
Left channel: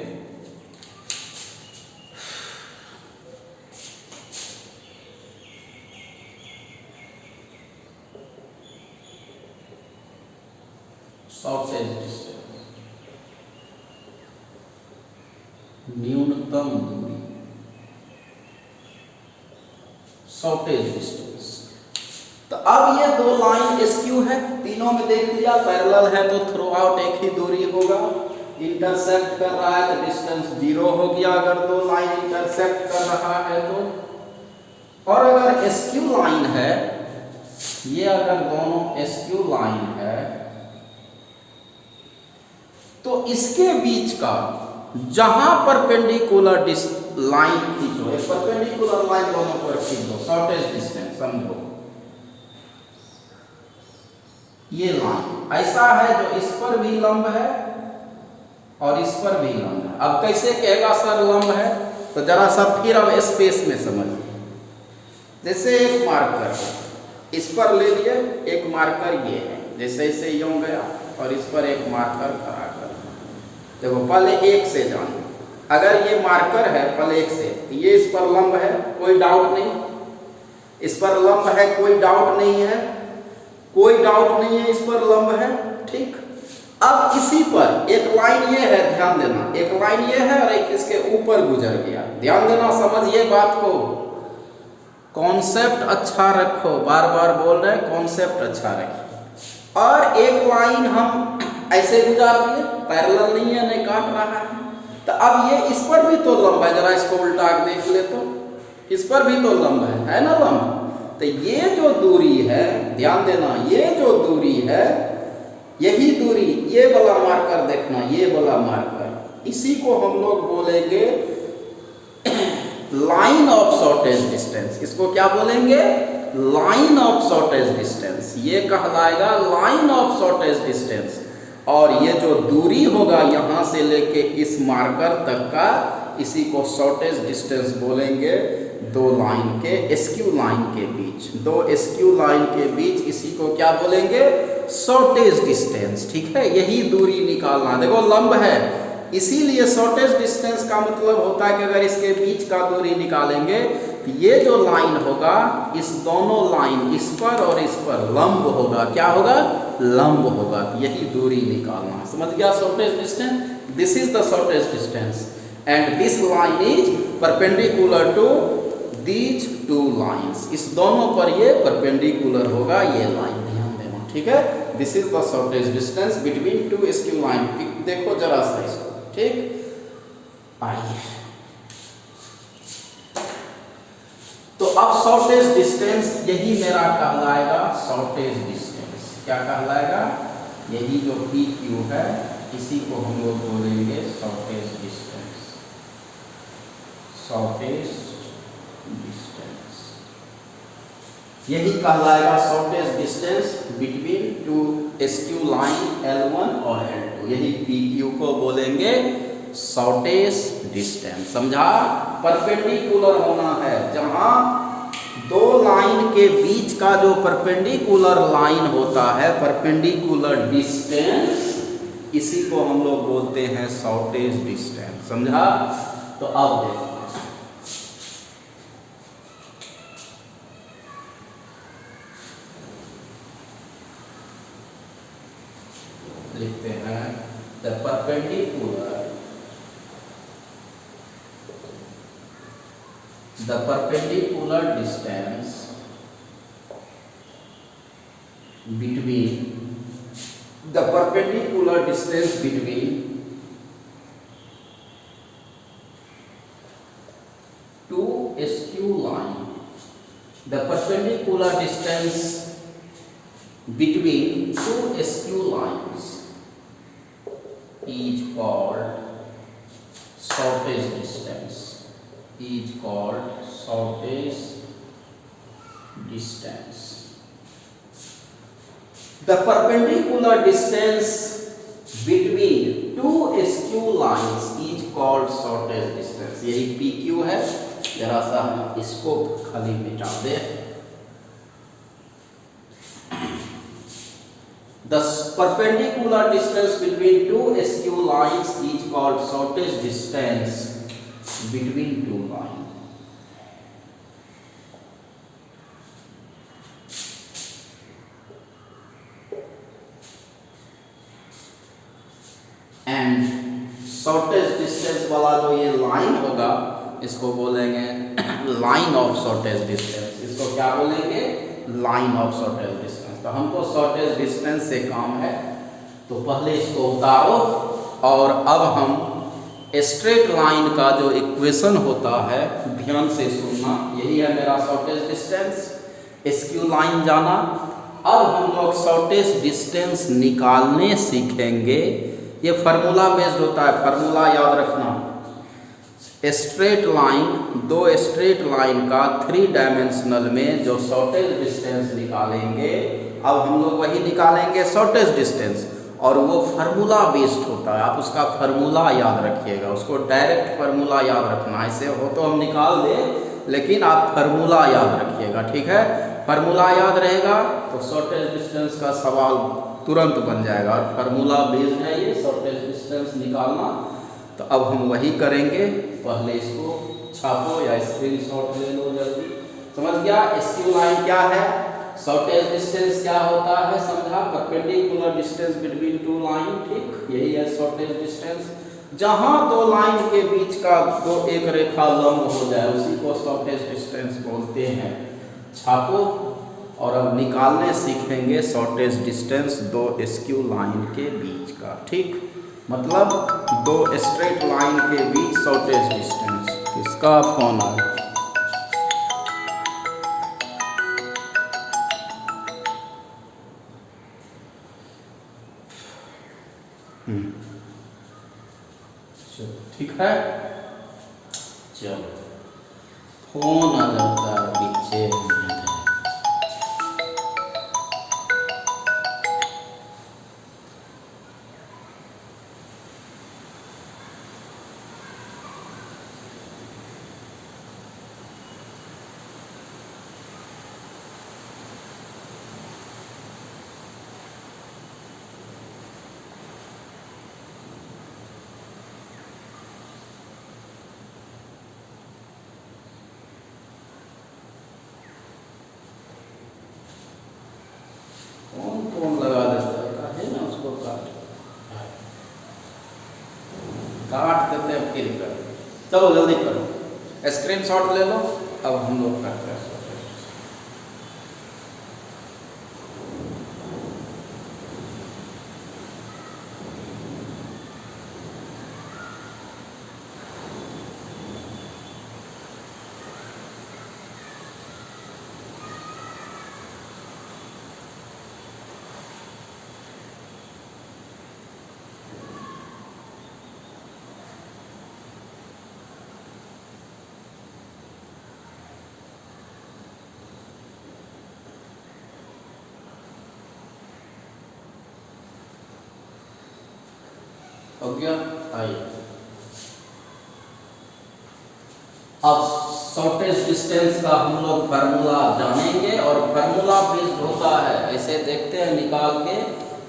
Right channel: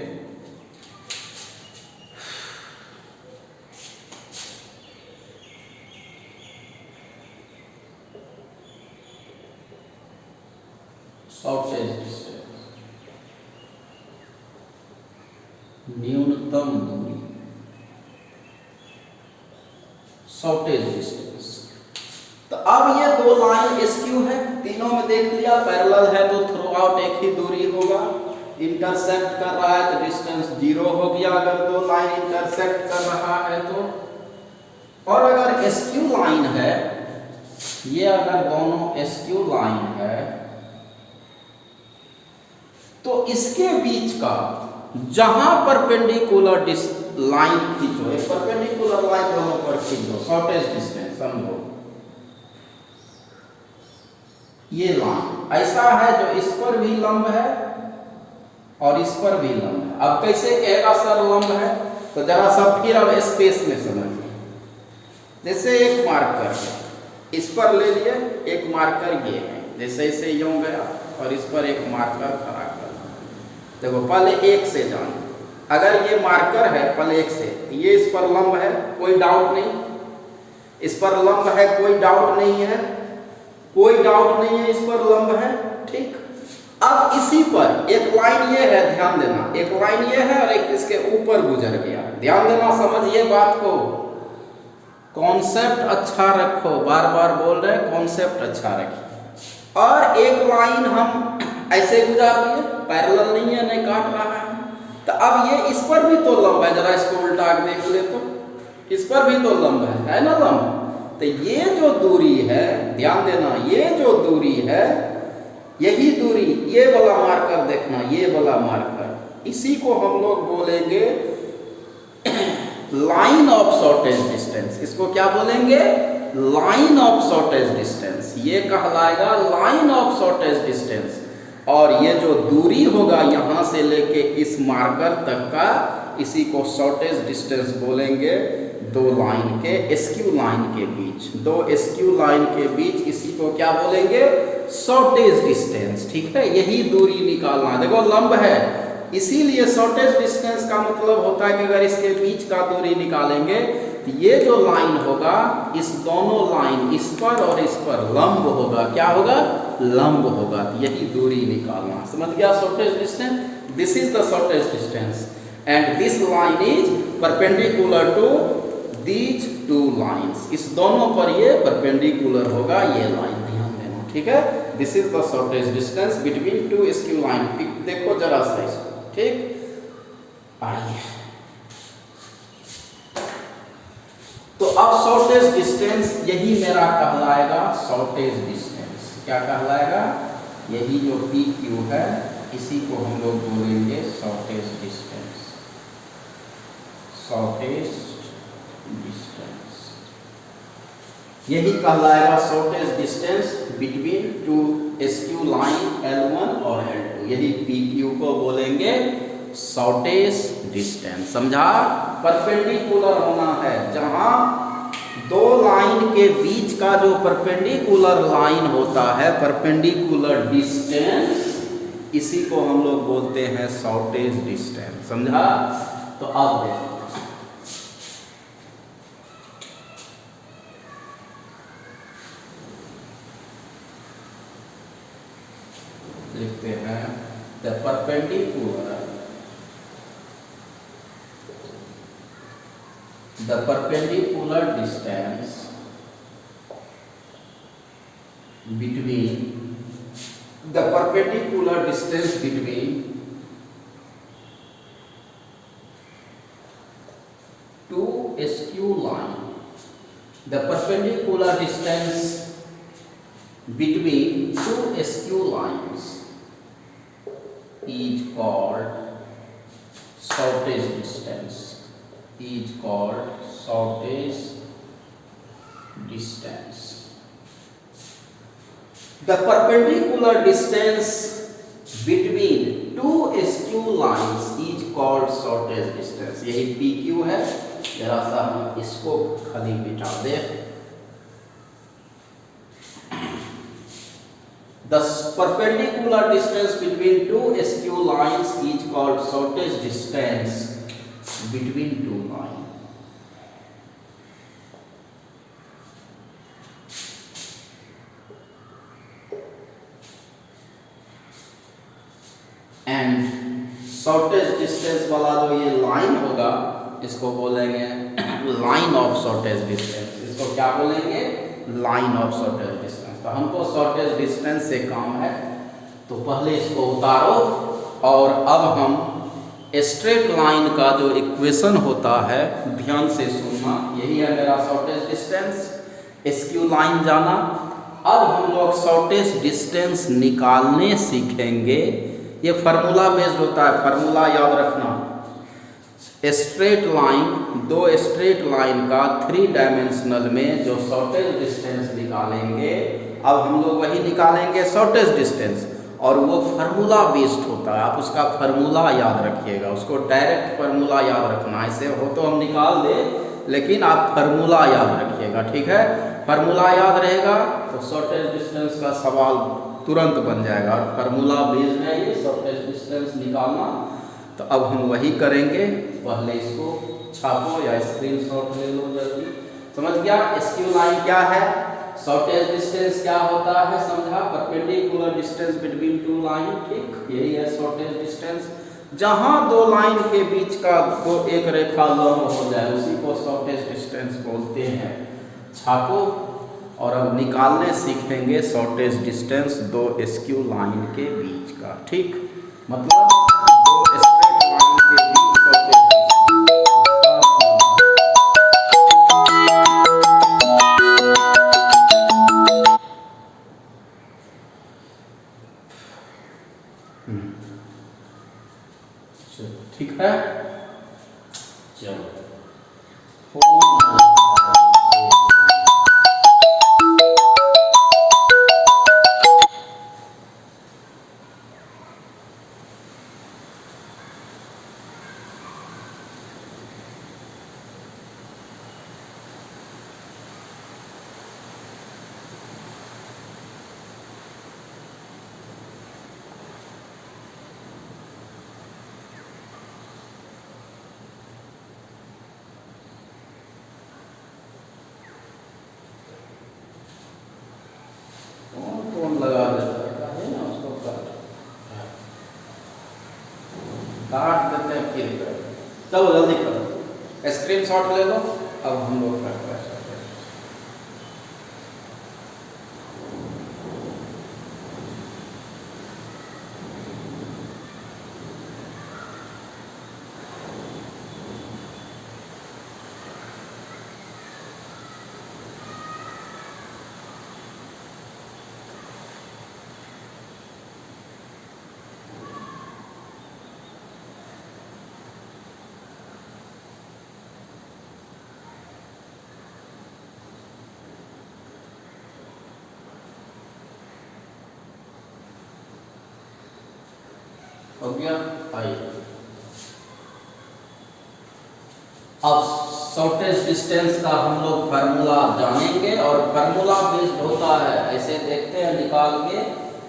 शॉर्टेस्ट डिस्टेंस, न्यूनतम दूरी, शॉर्टेज डिस्टेंस। तो अब ये दो लाइन एसक्यू है, तीनों में देख लिया, पैरेलल है तो थ्रू आउट एक ही दूरी होगा, इंटरसेक्ट कर रहा है तो डिस्टेंस 0 हो गया अगर दो लाइन इंटरसेक्ट कर रहा है तो। और अगर एसक्यू लाइन है, ये अगर दोनों एसक्यू लाइन है तो इसके बीच का जहां परपेंडिकुलर लाइन खींचो, एक परपेंडिकुलर लाइन दोनों पर खींच दो, शॉर्टेस्ट डिस्टेंस समझो, ये लाइन ऐसा है जो इस पर भी लंब है और इस पर भी लंब है। अब कैसे कहेगा सर लंब है? तो जरा सा फिर अब स्पेस में समझिए, जैसे एक मार्कर है, इस पर ले लिए, एक मार्कर ये है, जैसे इसे यूं गया और इस पर एक मार्कर खड़ा कर, देखो पहले एक से जान, अगर ये मार्कर है पहले एक से, ये इस पर लंब है, कोई डाउट नहीं, इस पर लंब है, कोई डाउट नहीं है, कोई डाउट नहीं है, इस पर लंब है, ठीक। अब इसी पर एक लाइन ये है, ध्यान देना, एक लाइन ये है और एक इसके ऊपर गुजर गया, ध्यान देना, समझिए बात को, कॉन्सेप्ट अच्छा रखो, बार बार बोल रहे हैं कॉन्सेप्ट अच्छा रखिए। और एक लाइन हम ऐसे गुजार दिए, पैरेलल नहीं है, नहीं काट रहा है, तो अब ये इस पर भी तो लंब है, जरा इसको उल्टा के देख ले तो, इस पर भी तो लंब है ना लंब। तो ये जो दूरी है, ध्यान देना, ये जो दूरी है, यही दूरी, ये वाला मार्कर देखना, ये वाला मार्कर, इसी को हम लोग बोलेंगे लाइन ऑफ शॉर्टेज डिस्टेंस। इसको क्या बोलेंगे? लाइन ऑफ शॉर्टेज डिस्टेंस, ये कहलाएगा लाइन ऑफ शॉर्टेज डिस्टेंस। और ये जो दूरी होगा यहां से लेके इस मार्कर तक का, इसी को शॉर्टेज डिस्टेंस बोलेंगे, दो लाइन के एसक्यू लाइन के बीच, दो एसक्यू लाइन के बीच, इसी को क्या बोलेंगे? Shortage distance. ठीक है, यही दूरी निकालना, देखो लंब है, इसीलिए शॉर्टेज डिस्टेंस का मतलब होता है कि अगर इसके बीच का दूरी निकालेंगे तो ये जो लाइन होगा, इस दोनों लाइन, इस पर और इस पर लंब होगा, क्या होगा? लंब होगा, यही दूरी निकालना, समझ गया? Shortest distance, this is the shortest distance and this line is perpendicular to these two lines, इस दोनों पर ये परपेंडिकुलर होगा, ये लाइन, ध्यान देना, ठीक है। This is the shortest distance between two SQ line. देखो जरा सा इसको, ठीक। आइए, तो अब शॉर्टेज डिस्टेंस यही मेरा कहलाएगा शॉर्टेज डिस्टेंस। क्या कहलाएगा? यही जो पी क्यू है, इसी को हम लोग बोलेंगे शॉर्टेज डिस्टेंस, शॉर्टेज डिस्टेंस, यही कहलाएगा shortage distance between two SQ line L1 और L2, यही पी क्यू को बोलेंगे शॉर्टेज डिस्टेंस। समझा? परपेंडिकुलर होना है, जहां दो लाइन के बीच का जो परपेंडिकुलर लाइन होता है, परपेंडिकुलर डिस्टेंस, इसी को हम लोग बोलते हैं शॉर्टेज डिस्टेंस। समझा? तो अब देखो, लिखते हैं the perpendicular distance between the perpendicular distance between two skew line, the perpendicular distance between two skew lines is called shortest distance, is called shortest distance. The perpendicular distance between two skew lines is called shortest distance. यही PQ है. जरा सा हम इसको खाली मिटा दें. The perpendicular distance between two skew lines is called shortest distance between two lines. And shortest distance वाला जो ये लाइन होगा इसको बोलेंगे लाइन ऑफ शॉर्टेस्ट डिस्टेंस. इसको क्या बोलेंगे? Line of shortest distance. तो हमको शॉर्टेस्ट डिस्टेंस से काम है, तो पहले इसको उतारो और अब हम स्ट्रेट लाइन का जो इक्वेशन होता है ध्यान से सुनना. यही है मेरा शॉर्टेस्ट डिस्टेंस. स्क्यू लाइन जाना. अब हम लोग शॉर्टेस्ट डिस्टेंस निकालने सीखेंगे. ये फार्मूला बेस्ड होता है. फार्मूला याद रखना. स्ट्रेट लाइन, दो स्ट्रेट लाइन का 3 डायमेंशनल में जो शॉर्टेस्ट डिस्टेंस निकालेंगे, अब हम लोग वही निकालेंगे शॉर्टेस्ट डिस्टेंस, और वो फार्मूला बेस्ड होता है. आप उसका फार्मूला याद रखिएगा. उसको डायरेक्ट फार्मूला याद रखना. ऐसे हो तो हम निकाल दें, लेकिन आप फार्मूला याद रखिएगा. ठीक है? फार्मूला याद रहेगा तो शॉर्टेस्ट डिस्टेंस का सवाल तुरंत बन जाएगा. और फार्मूला बेस्ड है ये शॉर्टेस्ट डिस्टेंस निकालना. तो अब हम वही करेंगे. पहले इसको छापो या स्क्रीनशॉट ले लो जल्दी. समझ गया? स्क्यू लाइन क्या है, शॉर्टेस्ट डिस्टेंस क्या होता है, समझा? Perpendicular distance between two line. ठीक, यही है शॉर्टेस्ट डिस्टेंस. जहां दो लाइन के बीच का दो एक रेखा लंब हो जाए उसी को शॉर्टेस्ट डिस्टेंस बोलते हैं. छापो और अब निकालने सीखेंगे शॉर्टेस्ट डिस्टेंस दो स्क्यू लाइन के बीच का. ठीक, मतलब दो स्ट्रेट लाइन के बीच शॉर्टेस्ट डिस्टेंस. इसका फॉर्मूला ठीक है. चलो फोन आ जाता है पीछे. कौन लगा देता है ना, उसको काट देते हैं फिर कर. चलो जल्दी करो, स्क्रीनशॉट ले लो. अब हम लोग करते हैं. हो गया. आइए अब शॉर्टेस्ट डिस्टेंस का हम लोग फार्मूला जानेंगे. और फार्मूला बेस्ड होता है, ऐसे देखते हैं निकाल के,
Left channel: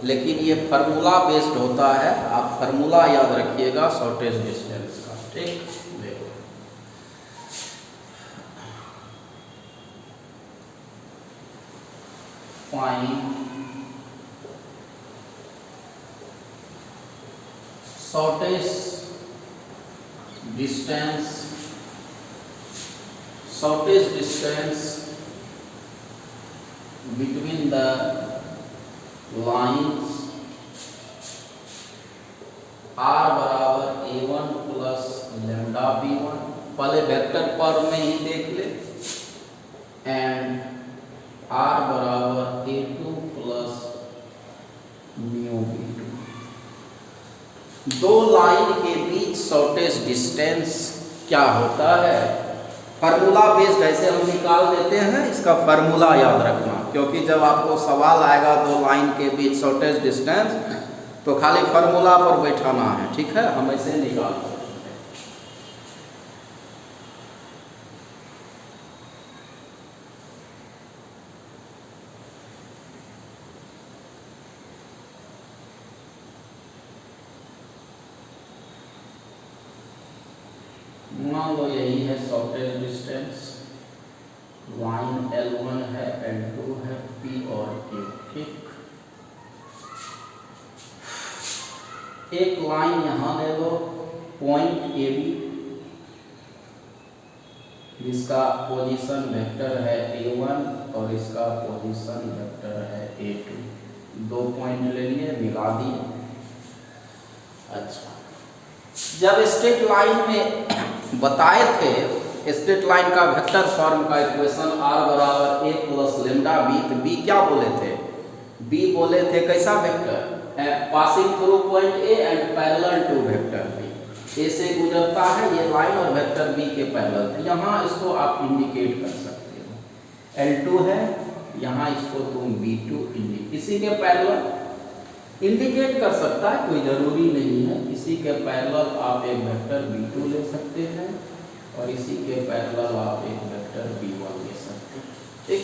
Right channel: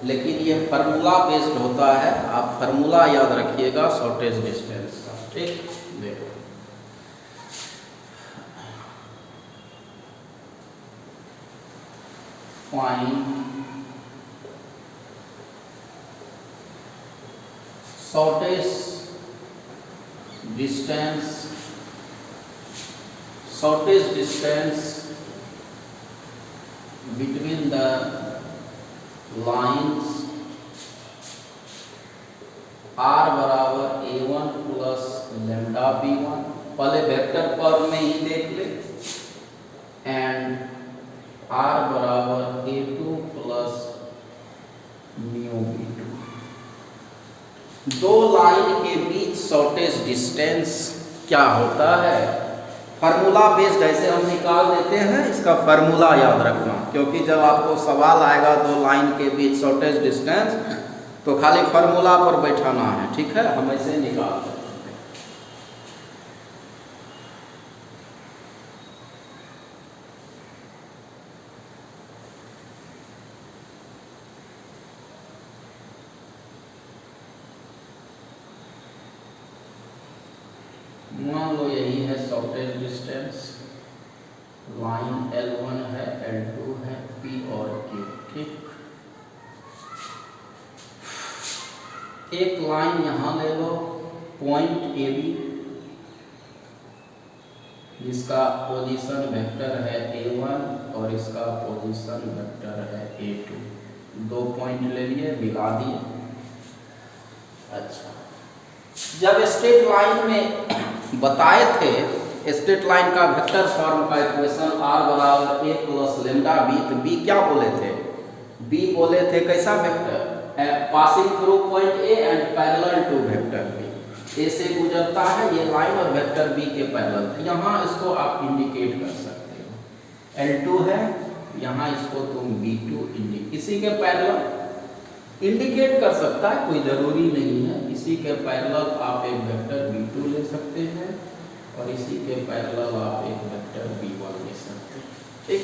लेकिन ये फार्मूला बेस्ड होता है. आप फार्मूला याद रखिएगा शॉर्टेस्ट डिस्टेंस का. ठीक, देखो find shortest distance between the lines r बराबर a1 प्लस लैम्डा b1. पहले वेक्टर पर में ही देख ले. एंड r बराबर a2 प्लस म्यू b2. दो लाइन के बीच शॉर्टेस्ट डिस्टेंस क्या होता है? फार्मूला बेस्ड ऐसे हम निकाल देते हैं, इसका फार्मूला याद रखना, क्योंकि जब आपको सवाल आएगा दो लाइन के बीच शॉर्टेज डिस्टेंस, तो खाली फार्मूला पर बैठाना है, ठीक है। हम ऐसे निकालते हैं। मान लो यही है शॉर्टेज डिस्टेंस, लाइन L1 है, L2 है, P और Q, ठीक। एक लाइन यहां ले लो, पॉइंट AB, जिसका पोजीशन वेक्टर है A1 और इसका पोजीशन वेक्टर है A2। दो पॉइंट ले लिए, मिला दिए। अच्छा, जब स्ट्रेट लाइन में बताए थे, स्ट्रेट लाइन का वेक्टर फॉर्म का इक्वेशन r बराबर a प्लस लेमडा बी, तो b क्या बोले थे? b बोले थे कैसा vector? Passing through point a and parallel to vector b। a से गुजरता है ये लाइन और वेक्टर b के पैरेलल, तो यहाँ इसको आप इंडिकेट कर सकते हो। L2 है, यहाँ इसको तुम B2 इंडिकेट, इसी के पैरेलल इंडिकेट कर सकता है, कोई जरूरी नहीं है। इसी के पैरेलल आप एक वेक्टर B2 ले सकते हैं और इसी के पैरेलल आप एक वेक्टर B1 ले सकते हैं, ठीक।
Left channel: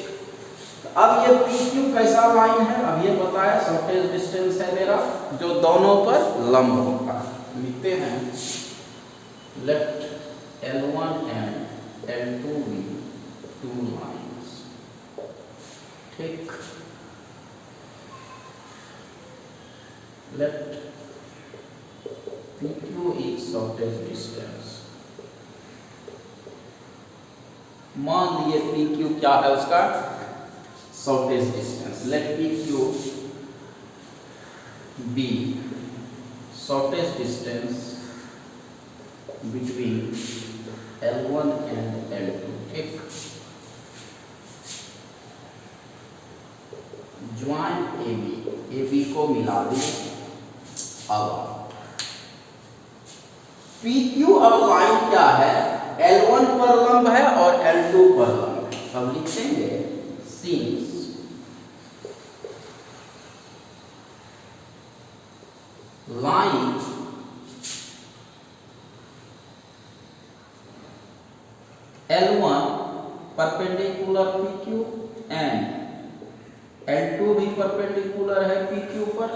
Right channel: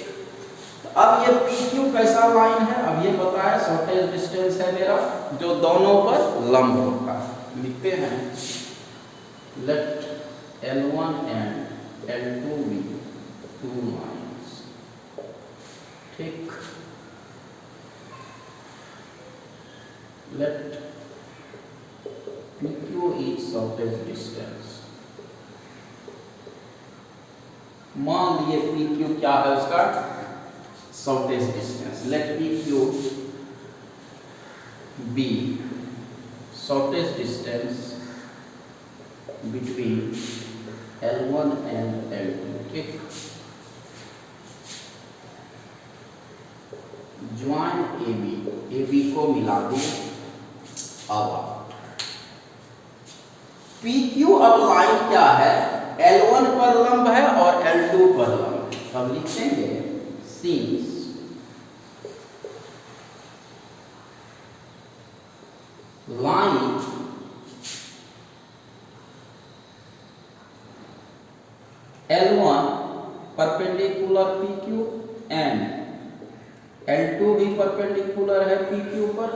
अब ये PQ कैसा लाइन है, अब ये पता है शॉर्टेज डिस्टेंस है मेरा, जो दोनों पर लंब होता है। लिखते हैं, let L1 and L2 be two lines, ठीक। Let PQ is shortest distance। मान लिए PQ क्या है उसका shortest distance। Let PQ be shortest distance between L1 and L2, ठीक। ज्वाइन AB को मिला दो। अब PQ अब लाइन क्या है, L1 पर लंब है और L2 पर लंब है। अब लिखेंगे since line L1 perpendicular PQ and L2 भी परपेंडिकुलर है PQ पर,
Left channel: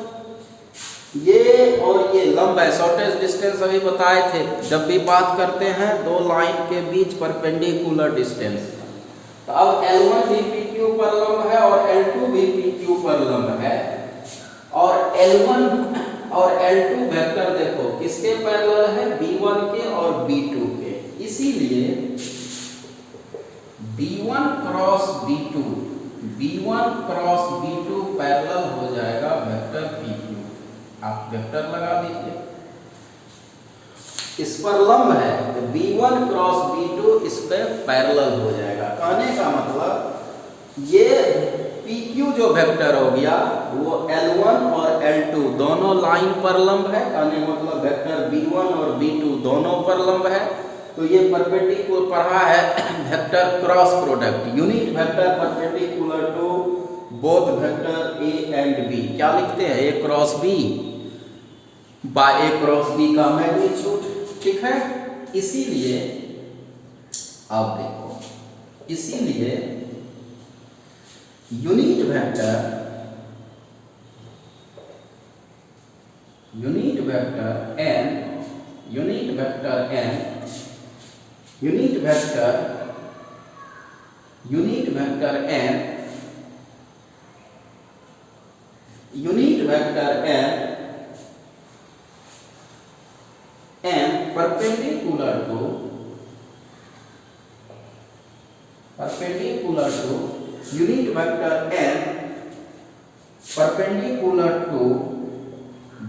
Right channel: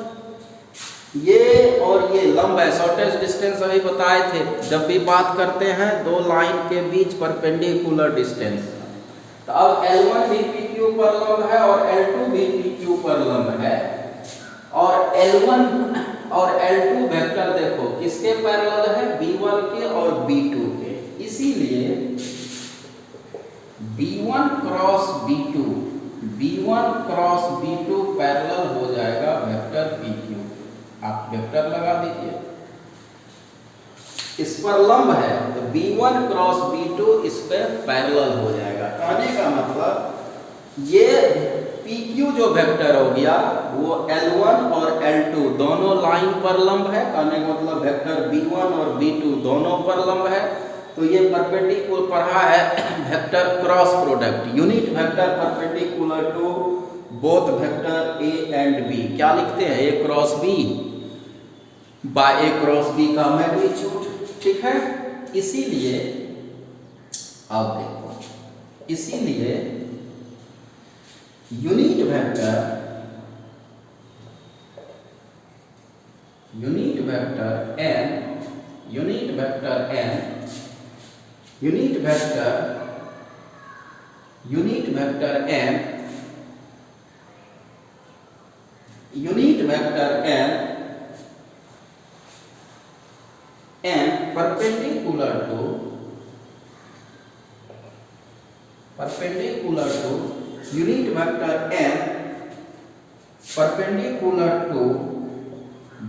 ये और ये लंब है। शॉर्टेज डिस्टेंस अभी बताए थे, जब भी बात करते हैं दो लाइन के बीच परपेंडिकुलर डिस्टेंस, तो अब L1 भी PQ पर लंब है और L2 भी PQ पर लंब है, और L1 और L2 वेक्टर देखो किसके पैरेलल है, B1 के और B2 के, इसीलिए B1 cross B2, B1 cross B2 parallel हो जाएगा वेक्टर PQ। आप वेक्टर लगा दीजिए, इस पर लंब है तो B1 क्रॉस B2 इस पे पैरेलल हो जाएगा। कहने का मतलब ये PQ जो वेक्टर हो गया वो L1 और L2 दोनों लाइन पर लंब है। कहने का मतलब वेक्टर B1 और B2 दोनों पर लंब है, तो ये परपेंडिकुलर पढ़ा है vector cross product, unit vector perpendicular to both vector A and B। क्या लिखते हैं, A cross B by A cross B का मैग्नीट्यूड, ठीक है। इसीलिए आप देखो, इसीलिए unit vector n, unit vector n, unit vector n, unit vector n perpendicular to unit vector n perpendicular to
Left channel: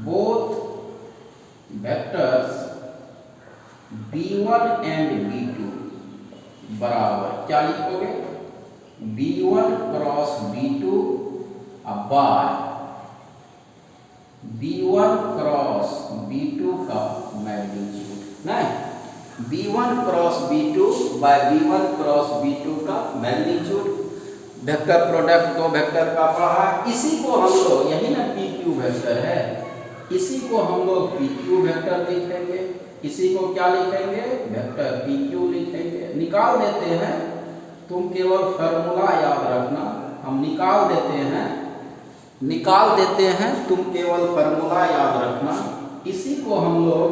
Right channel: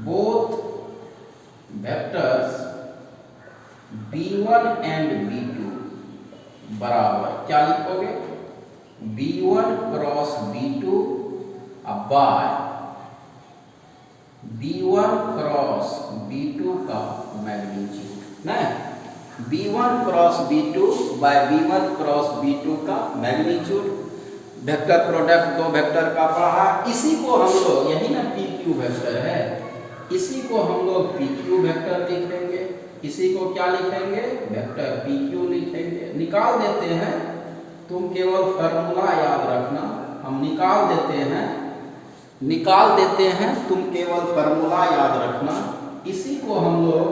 both vectors B1 and B2 बराबर क्या लिखोगे, B1 cross B2 bye B1 cross B2 का magnitude, नहीं v1 cross v2 bye v1 cross v2 का magnitude. Vector product दो vector का पढ़ा, इसी को हम लोग, यही ना पी क्यू वेक्टर है, इसी को हम लोग पी क्यू वेक्टर लिखेंगे। इसी को क्या लिखेंगे? वेक्टर पी क्यू लिखेंगे। निकाल देते हैं, तुम केवल फॉर्मूला याद रखना, हम निकाल देते हैं, तुम केवल फॉर्मूला याद रखना। इसी को हम लोग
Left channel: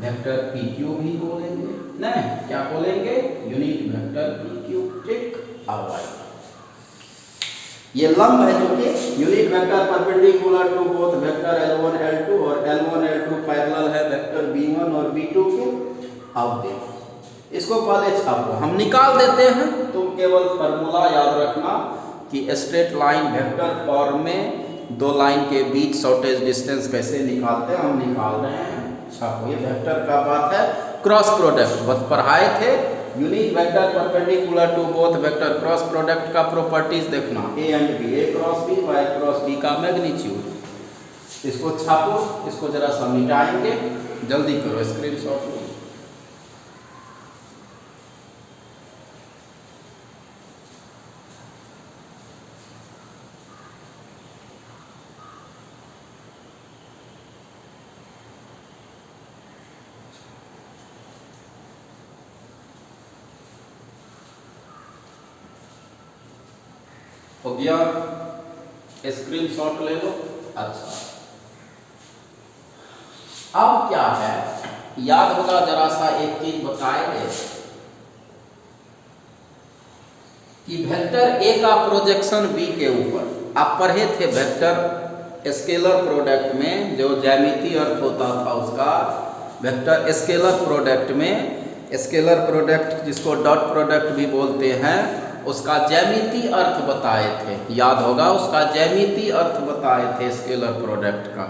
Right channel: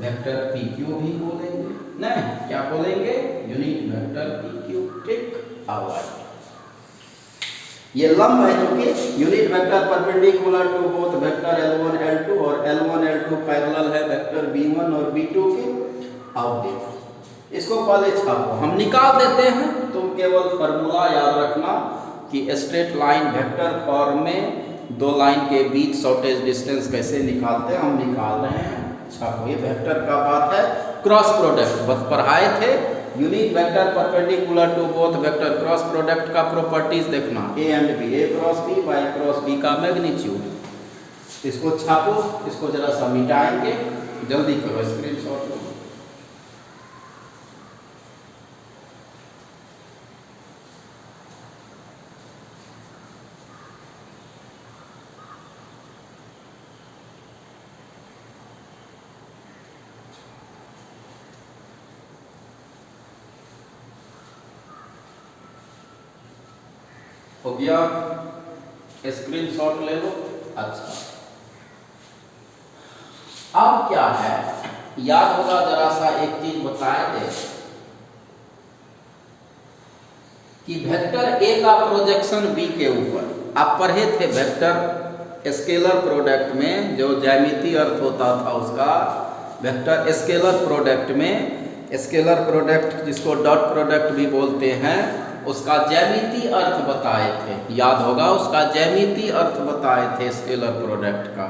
वेक्टर पी क्यू भी बोलेंगे, नहीं क्या बोलेंगे? Unit vector P Q. ठीक, ऑलराइट। ये लंब है जो कि unit vector perpendicular to both vector L1 L2 और L1 L2 पैरेलल है वेक्टर V1 और V2 के। अब देखो इसको पहले छापो, हम निकाल देते हैं, तुम केवल फॉर्मूला याद रखना कि स्ट्रेट लाइन वेक्टर फॉर्म में दो लाइन के बीच शॉर्टेज डिस्टेंस कैसे निकालते हैं, हम निकाल रहे हैं। छापो, ये वेक्टर का बात है। क्रॉस प्रोडक्ट बहुत पढ़ाए थे, unit vector perpendicular to both vector, cross product का प्रॉपर्टीज देखना, A and B, A cross B by cross B का मैग्नीट्यूड। इसको छापो, इसको जरा सा मिटाएंगे, जल्दी करो, स्क्रीनशॉट लो। हो गया, स्क्रीनशॉट ले लो। अच्छा, अब क्या है, याद होगा, जरा सा एक चीज बताए दे कि वेक्टर ए का प्रोजेक्शन बी के ऊपर, आप पढ़े थे वेक्टर स्केलर प्रोडक्ट में, जो ज्यामितीय अर्थ होता था उसका, वेक्टर स्केलर प्रोडक्ट में, स्केलर प्रोडक्ट जिसको डॉट प्रोडक्ट भी बोलते हैं, उसका ज्यामितीय अर्थ बताए थे, याद होगा, उसका ज्यामितीय अर्थ बताए थे स्केलर प्रोडक्ट का।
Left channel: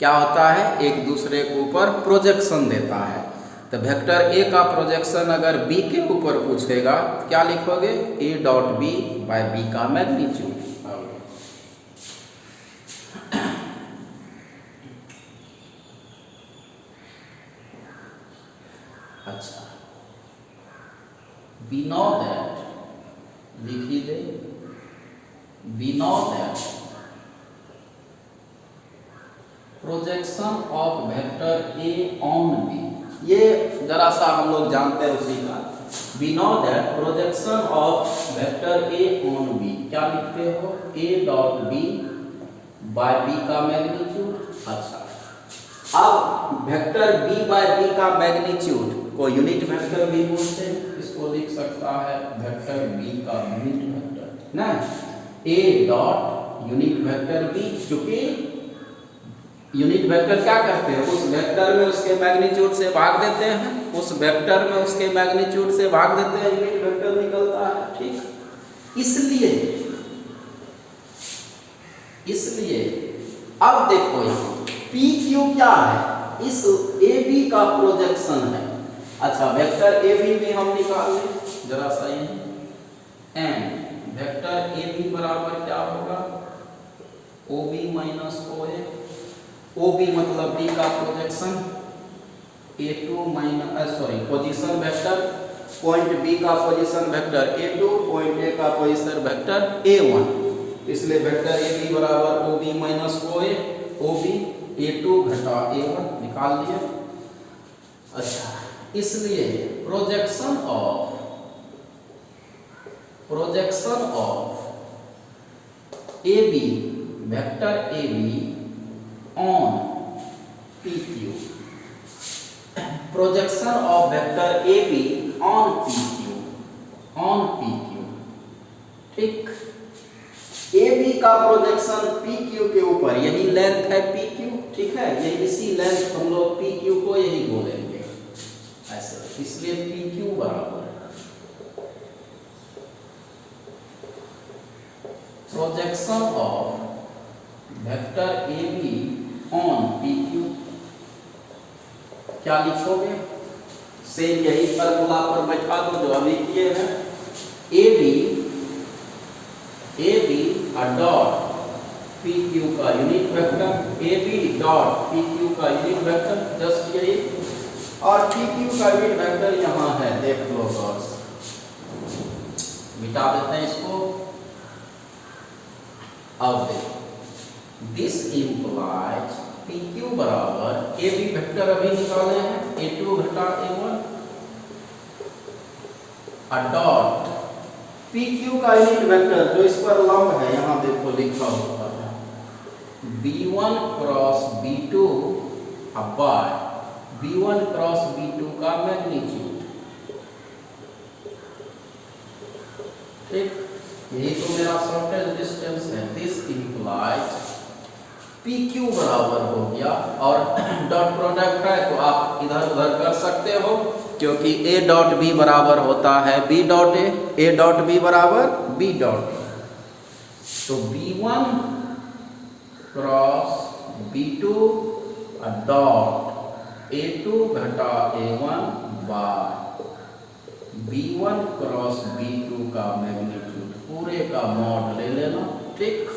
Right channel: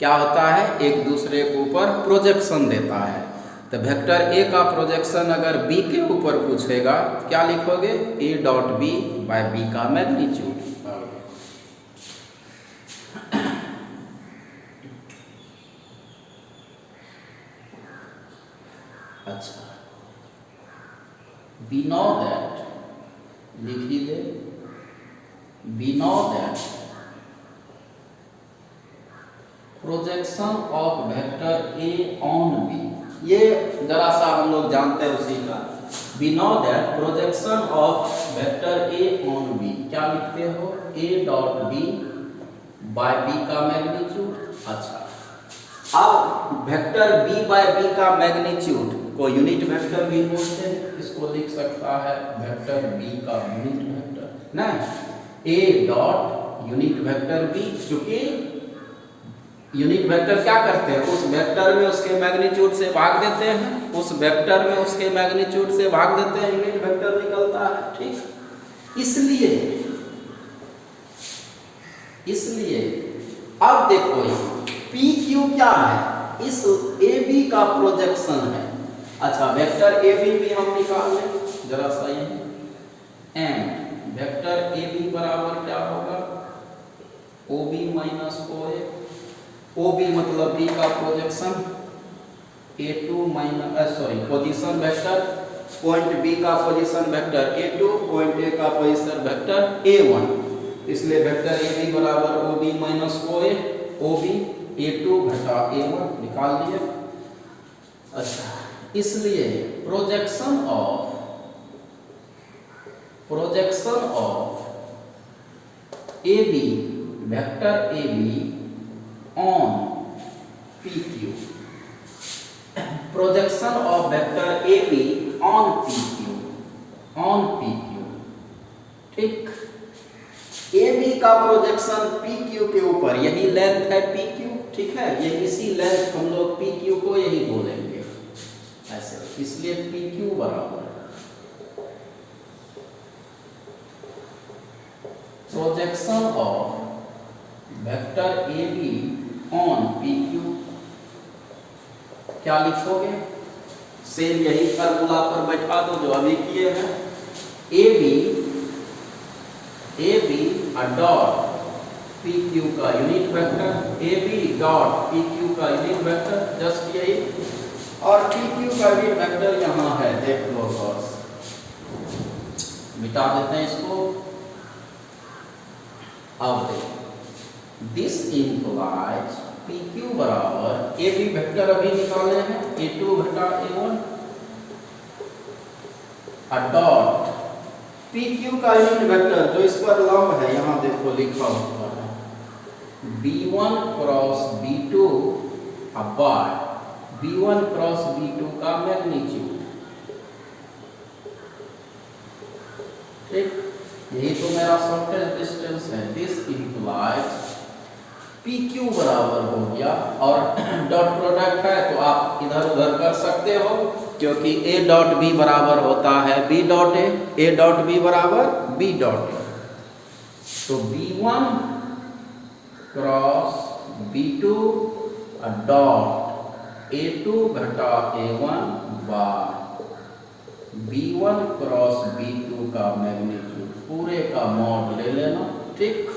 क्या होता है? एक दूसरे के ऊपर प्रोजेक्शन देता है। तो वेक्टर ए का प्रोजेक्शन अगर बी के ऊपर पूछेगा, क्या लिखोगे? A dot B by B का मैग्नीट्यूड। अच्छा, we know that, लिख ही दे, we know that projection of vector A on B, ये जरा सा हम लोग जानते हैं उसी का। we know that projection of vector A on B, क्या लिखते हो? A dot B by B का मैग्नीट्यूड। अच्छा, अब वेक्टर बी बाय बी का मैग्नीट्यूड को यूनिट वेक्टर भी बोलते हैं, इसको लिख सकता है वेक्टर बी का यूनिट वेक्टर ना, A dot unit vector B, चूंकि यूनिट वेक्टर क्या करते हैं, उस वेक्टर में उसके मैग्नीट्यूड से भाग देते हैं, उस वेक्टर में उसके मैग्नीट्यूड से भाग देते हैं, यूनिट वेक्टर निकलता है। ठीक, इसलिए अब देखो पी क्यू क्या है, इस ए बी का प्रोजेक्शन है। अच्छा, वेक्टर ए बी भी हम निकाल लें, जरा सा ये, एंड वेक्टर ए बी बराबर क्या होगा? O B minus O A, O B मतलब बी का projection, A two minus position vector, point B का position vector A two, point A का पोजीशन वेक्टर ए वन, इसलिए वेक्टर ए बी बराबर O B minus O A, O B A two घटा A one, निकाल दिया। अच्छा, इसलिए projection of A B, vector A B on P Q, projection of vector A B on P Q. ठीक, A B का projection P Q के ऊपर, यही लेंथ है पी क्यू। ठीक है, ये इसी लेंथ हम लोग पी क्यू को यही बोलेंगे ऐसे, इसलिए पी क्यू बराबर projection of vector A B on P Q. क्या लिखोगे? सेम यही फॉर्मूला पर बैठा दो जो अभी किए हैं। A B dot P Q का unit vector, A B dot P Q का यूनिट वेक्टर, जस्ट यही और पी क्यू का भी वेक्टर यहाँ है, देख लो बस, मिटा देते हैं इसको। अब देखो दिस इंप्लाइज पी क्यू बराबर ए बी वेक्टर अभी निकाले हैं, A2 घटा A1 डॉट पी क्यू का यूनिट वेक्टर जो इस पर लंब है, यहाँ देखो लिखा हुआ है B1 cross B2 bye B1 cross B2 का मैग्नीट्यूड। ठीक, यही तो मेरा शॉर्टेस्ट डिस्टेंस है। दिस इंप्लाइज पी क्यू बराबर हो गया, और डॉट प्रोडक्ट है तो आप इधर उधर कर सकते हो, क्योंकि ए डॉट बी बराबर होता है B dot A dot B बराबर बी डॉट ए। तो B1 cross B2 dot A2 घटा A1 bye B1 cross B2 का मैग्नीट्यूड, पूरे का मॉड ले लेना। ठीक,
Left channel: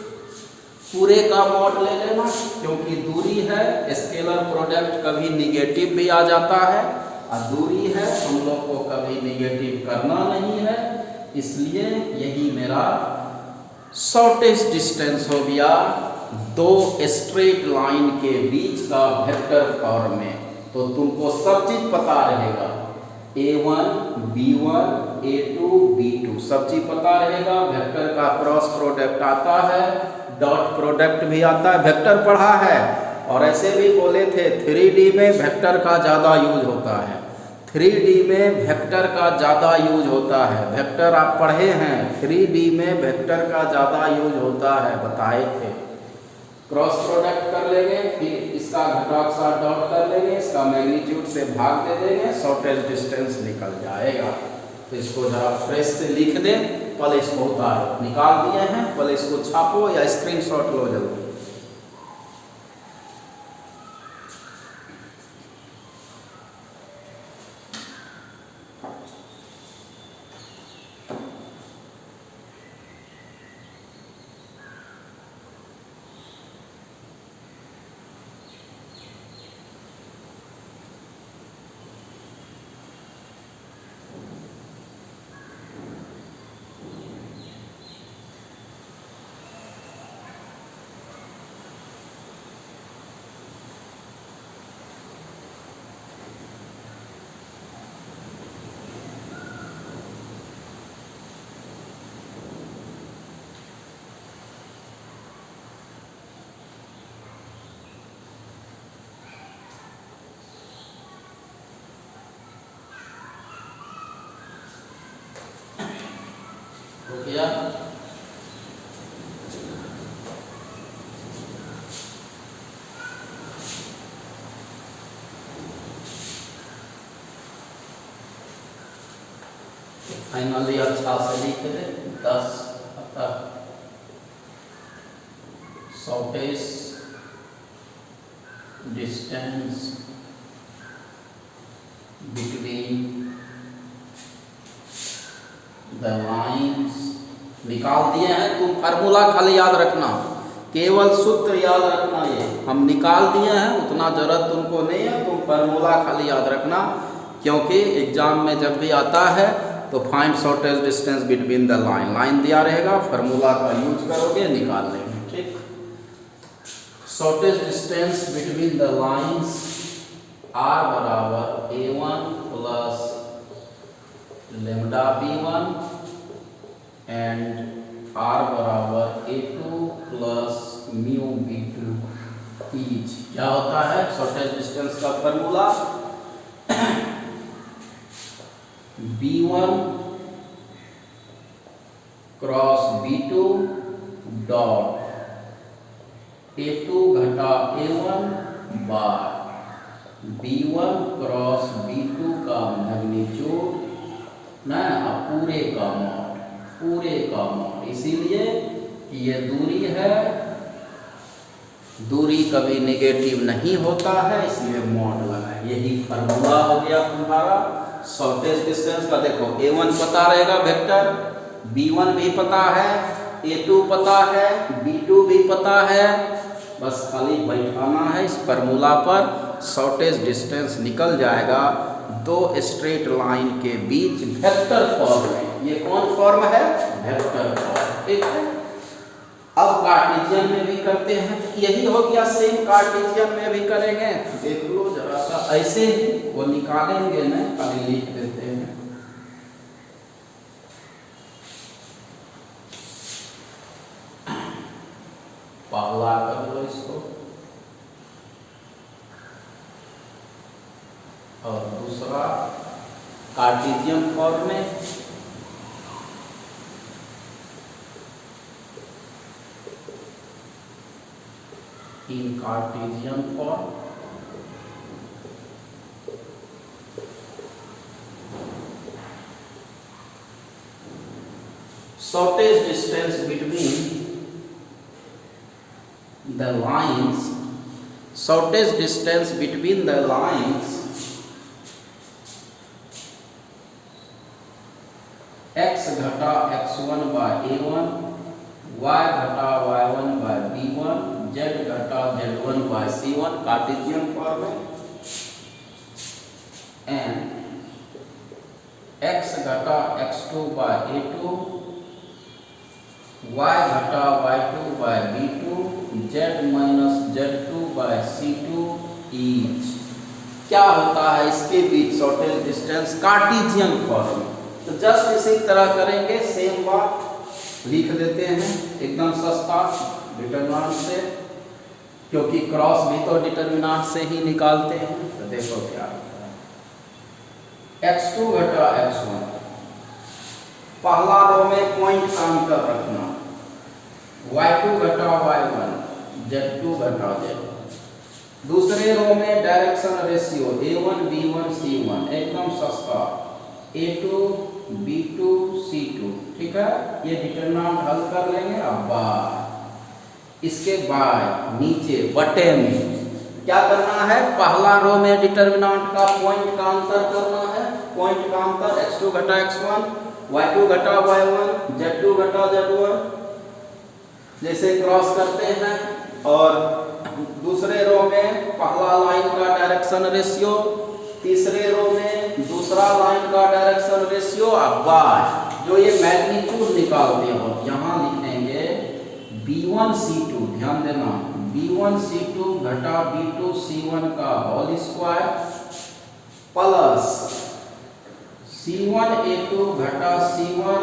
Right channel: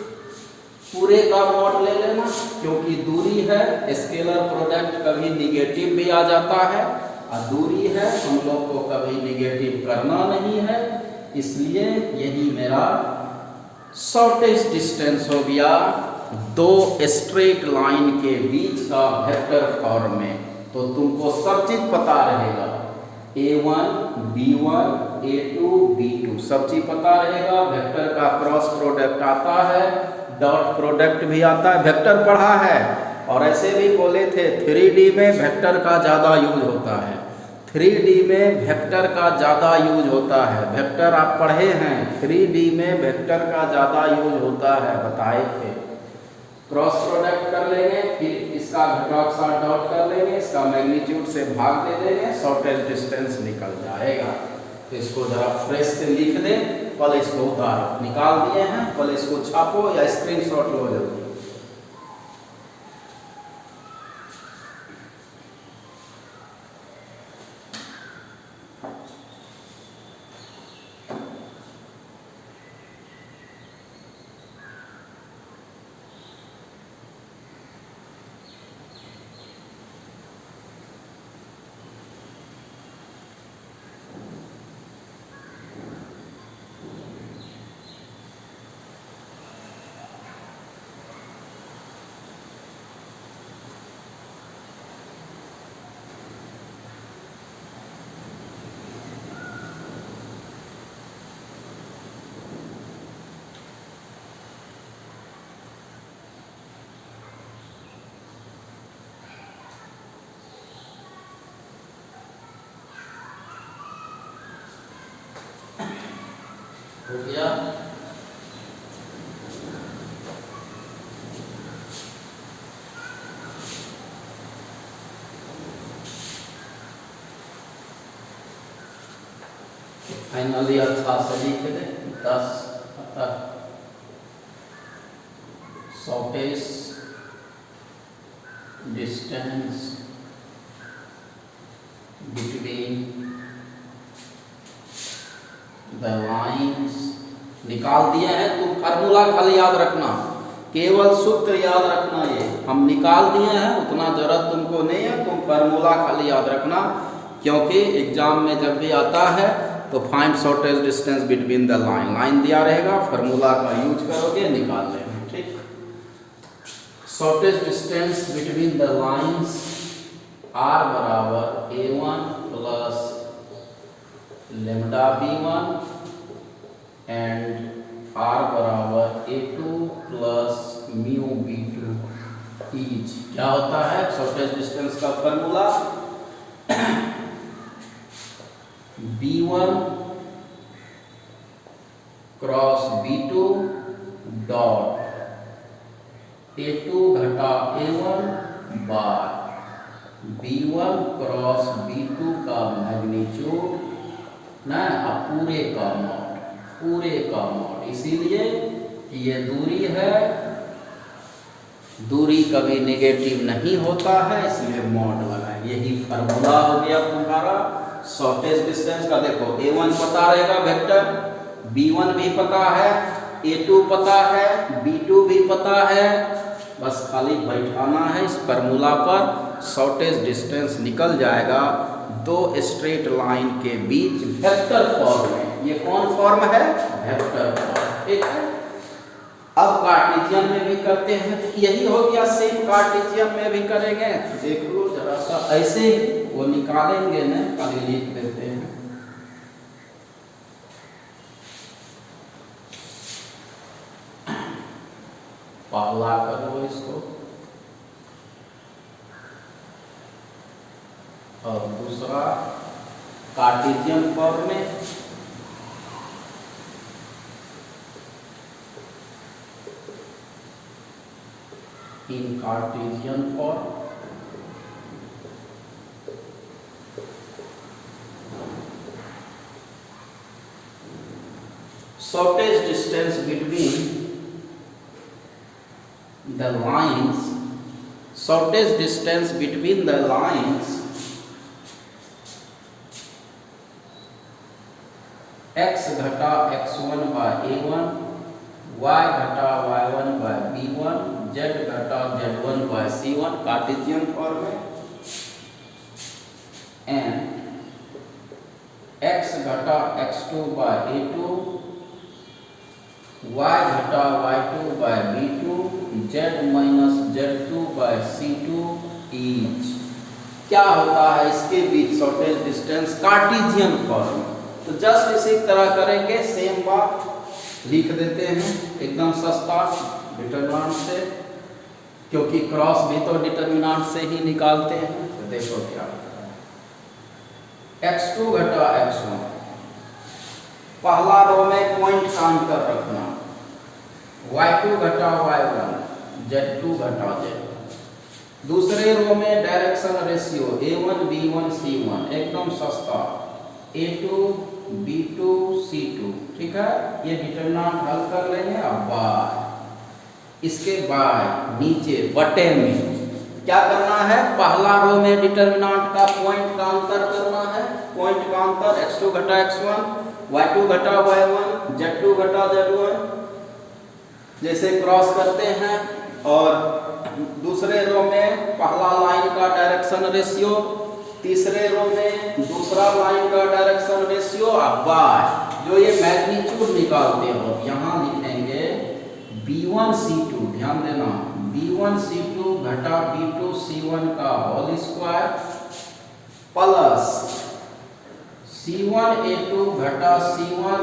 पूरे का मॉड ले लेना, क्योंकि दूरी है, स्केलर प्रोडक्ट कभी निगेटिव भी आ जाता है, और दूरी है हम लोग को कभी निगेटिव करना नहीं है, इसलिए यही मेरा शॉर्टेस्ट डिस्टेंस हो गया दो स्ट्रेट लाइन के बीच का वेक्टर फॉर्म में। तो तुमको सब चीज पता रहेगा, A1 B1 A2 B2 सब चीज पता रहेगा। वेक्टर का क्रॉस प्रोडक्ट आता है, डॉट प्रोडक्ट भी आता है, वेक्टर पढ़ा है। और ऐसे भी बोले थे 3D में वेक्टर का ज़्यादा यूज होता है, 3D में वेक्टर का ज़्यादा यूज होता है। वेक्टर आप पढ़े हैं, 3D में वेक्टर का ज़्यादा यूज होता है, बताए थे। क्रॉस प्रोडक्ट कर लेंगे, फिर इसका घटाव के साथ डॉट कर लेंगे, इसका मैग्नीट्यूड से भाग दे देंगे, शॉर्टेस्ट डिस्टेंस निकल जाएगा। तो इसको जरा फ्रेश से लिख दें, पहले इसको उतारो, निकाल दिए हैं, पहले इसको छापो या स्क्रीनशॉट लो जल्दी। हो गया? फाइनली अच्छा से लिख दे 10 तक shortest distance between the lines निकाल दिए हैं। तुम फार्मूला खाली याद रखना, केवल सूत्र याद रखना, ये हम निकाल दिए हैं, उतना जरूरत तुमको नहीं है, तुम फार्मूला खाली याद रखना, क्योंकि एग्जाम में जब भी आता है तो find shortest distance between the line, line दिया रहेगा, फार्मूला का यूज करोगे, निकाल लेंगे। ठीक, shortest distance between the lines R बराबर A1 plus lambda B1 and R बराबर A2 plus mu B2 each. क्या होता है शॉर्टेस्ट डिस्टेंस का formula? B1 cross B2 dot A2 घटा A1 बार B1 क्रॉस B2 का मैग्नीट्यूड ना, पूरे का मॉड, पूरे का मॉड। इसीलिए ये दूरी है, दूरी कभी नेगेटिव नहीं होता है, इसलिए मॉड लगा। यही फार्मूला हो गया तुम्हारा शॉर्टेस्ट डिस्टेंस का। देखो A1 पता रहेगा वेक्टर, B1 भी पता है, A2 पता है, B2 भी पता है, बस खाली बैठाना है इस फार्मूला पर, शॉर्टेज डिस्टेंस निकल जाएगा दो स्ट्रेट लाइन के बीच वेक्टर फॉर्म में। ये कौन फॉर्म है? Vector form. ठीक है। अब कार्टेशियन में भी करते हैं, यही हो गया, सेम कार्टेशियन में भी करेंगे। देख लो जरा सा, ऐसे वो निकालेंगे ना, खाली लिख देते हैं। पहला कर लो इसको, और दूसरा कार्टेशियन फॉर्म में। In Cartesian form shortest distance between the lines, shortest distance between the lines x घटा x1 by a1, y घटा y1 by b1, z घटा z1 by c1, Cartesian form में, and x घटा x2 by a2, y घटा y2 by b2, z minus z2 by c2 is. क्या होता है इसके बीच शॉर्टेज डिस्टेंस? Cartesian form. तो जस्ट इसी तरह करेंगे, सेम बात लिख देते हैं, एकदम सस्ता डिटरमिनेंट से, क्योंकि क्रॉस भी तो डिटरमिनेंट से ही निकालते हैं। तो देखो क्या होता है, x2 घटा x1, पहला रो में पॉइंट काम कर रखना, y2 घटा y1, z2 घटा z1। दूसरे रो में direction ratio a1 b1 c1, एकदम सस्ता, a2 b2 c2। ठीक है, ये डिटरमिनेंट हल कर लेंगे। अब बाय, इसके बाद नीचे बटे में क्या करना है? पहला रो में डिटरमिनेंट का पॉइंट का अंतर करना है, पॉइंट का अंतर x2 घटा x1, y2 घटा y1, z2 घटा z1, जैसे क्रॉस करते हैं। और दूसरे रो में पहला लाइन का डायरेक्शन रेशियो, तीसरे रो में दूसरा लाइन का डायरेक्शन रेशियो। अब y जो ये मैग्नीट्यूड निकालते हो, यहाँ लिखेंगे b1 c2, ध्यान देना, b1 c2 घटा b2 c1 का whole square plus c1 a2 घटा c1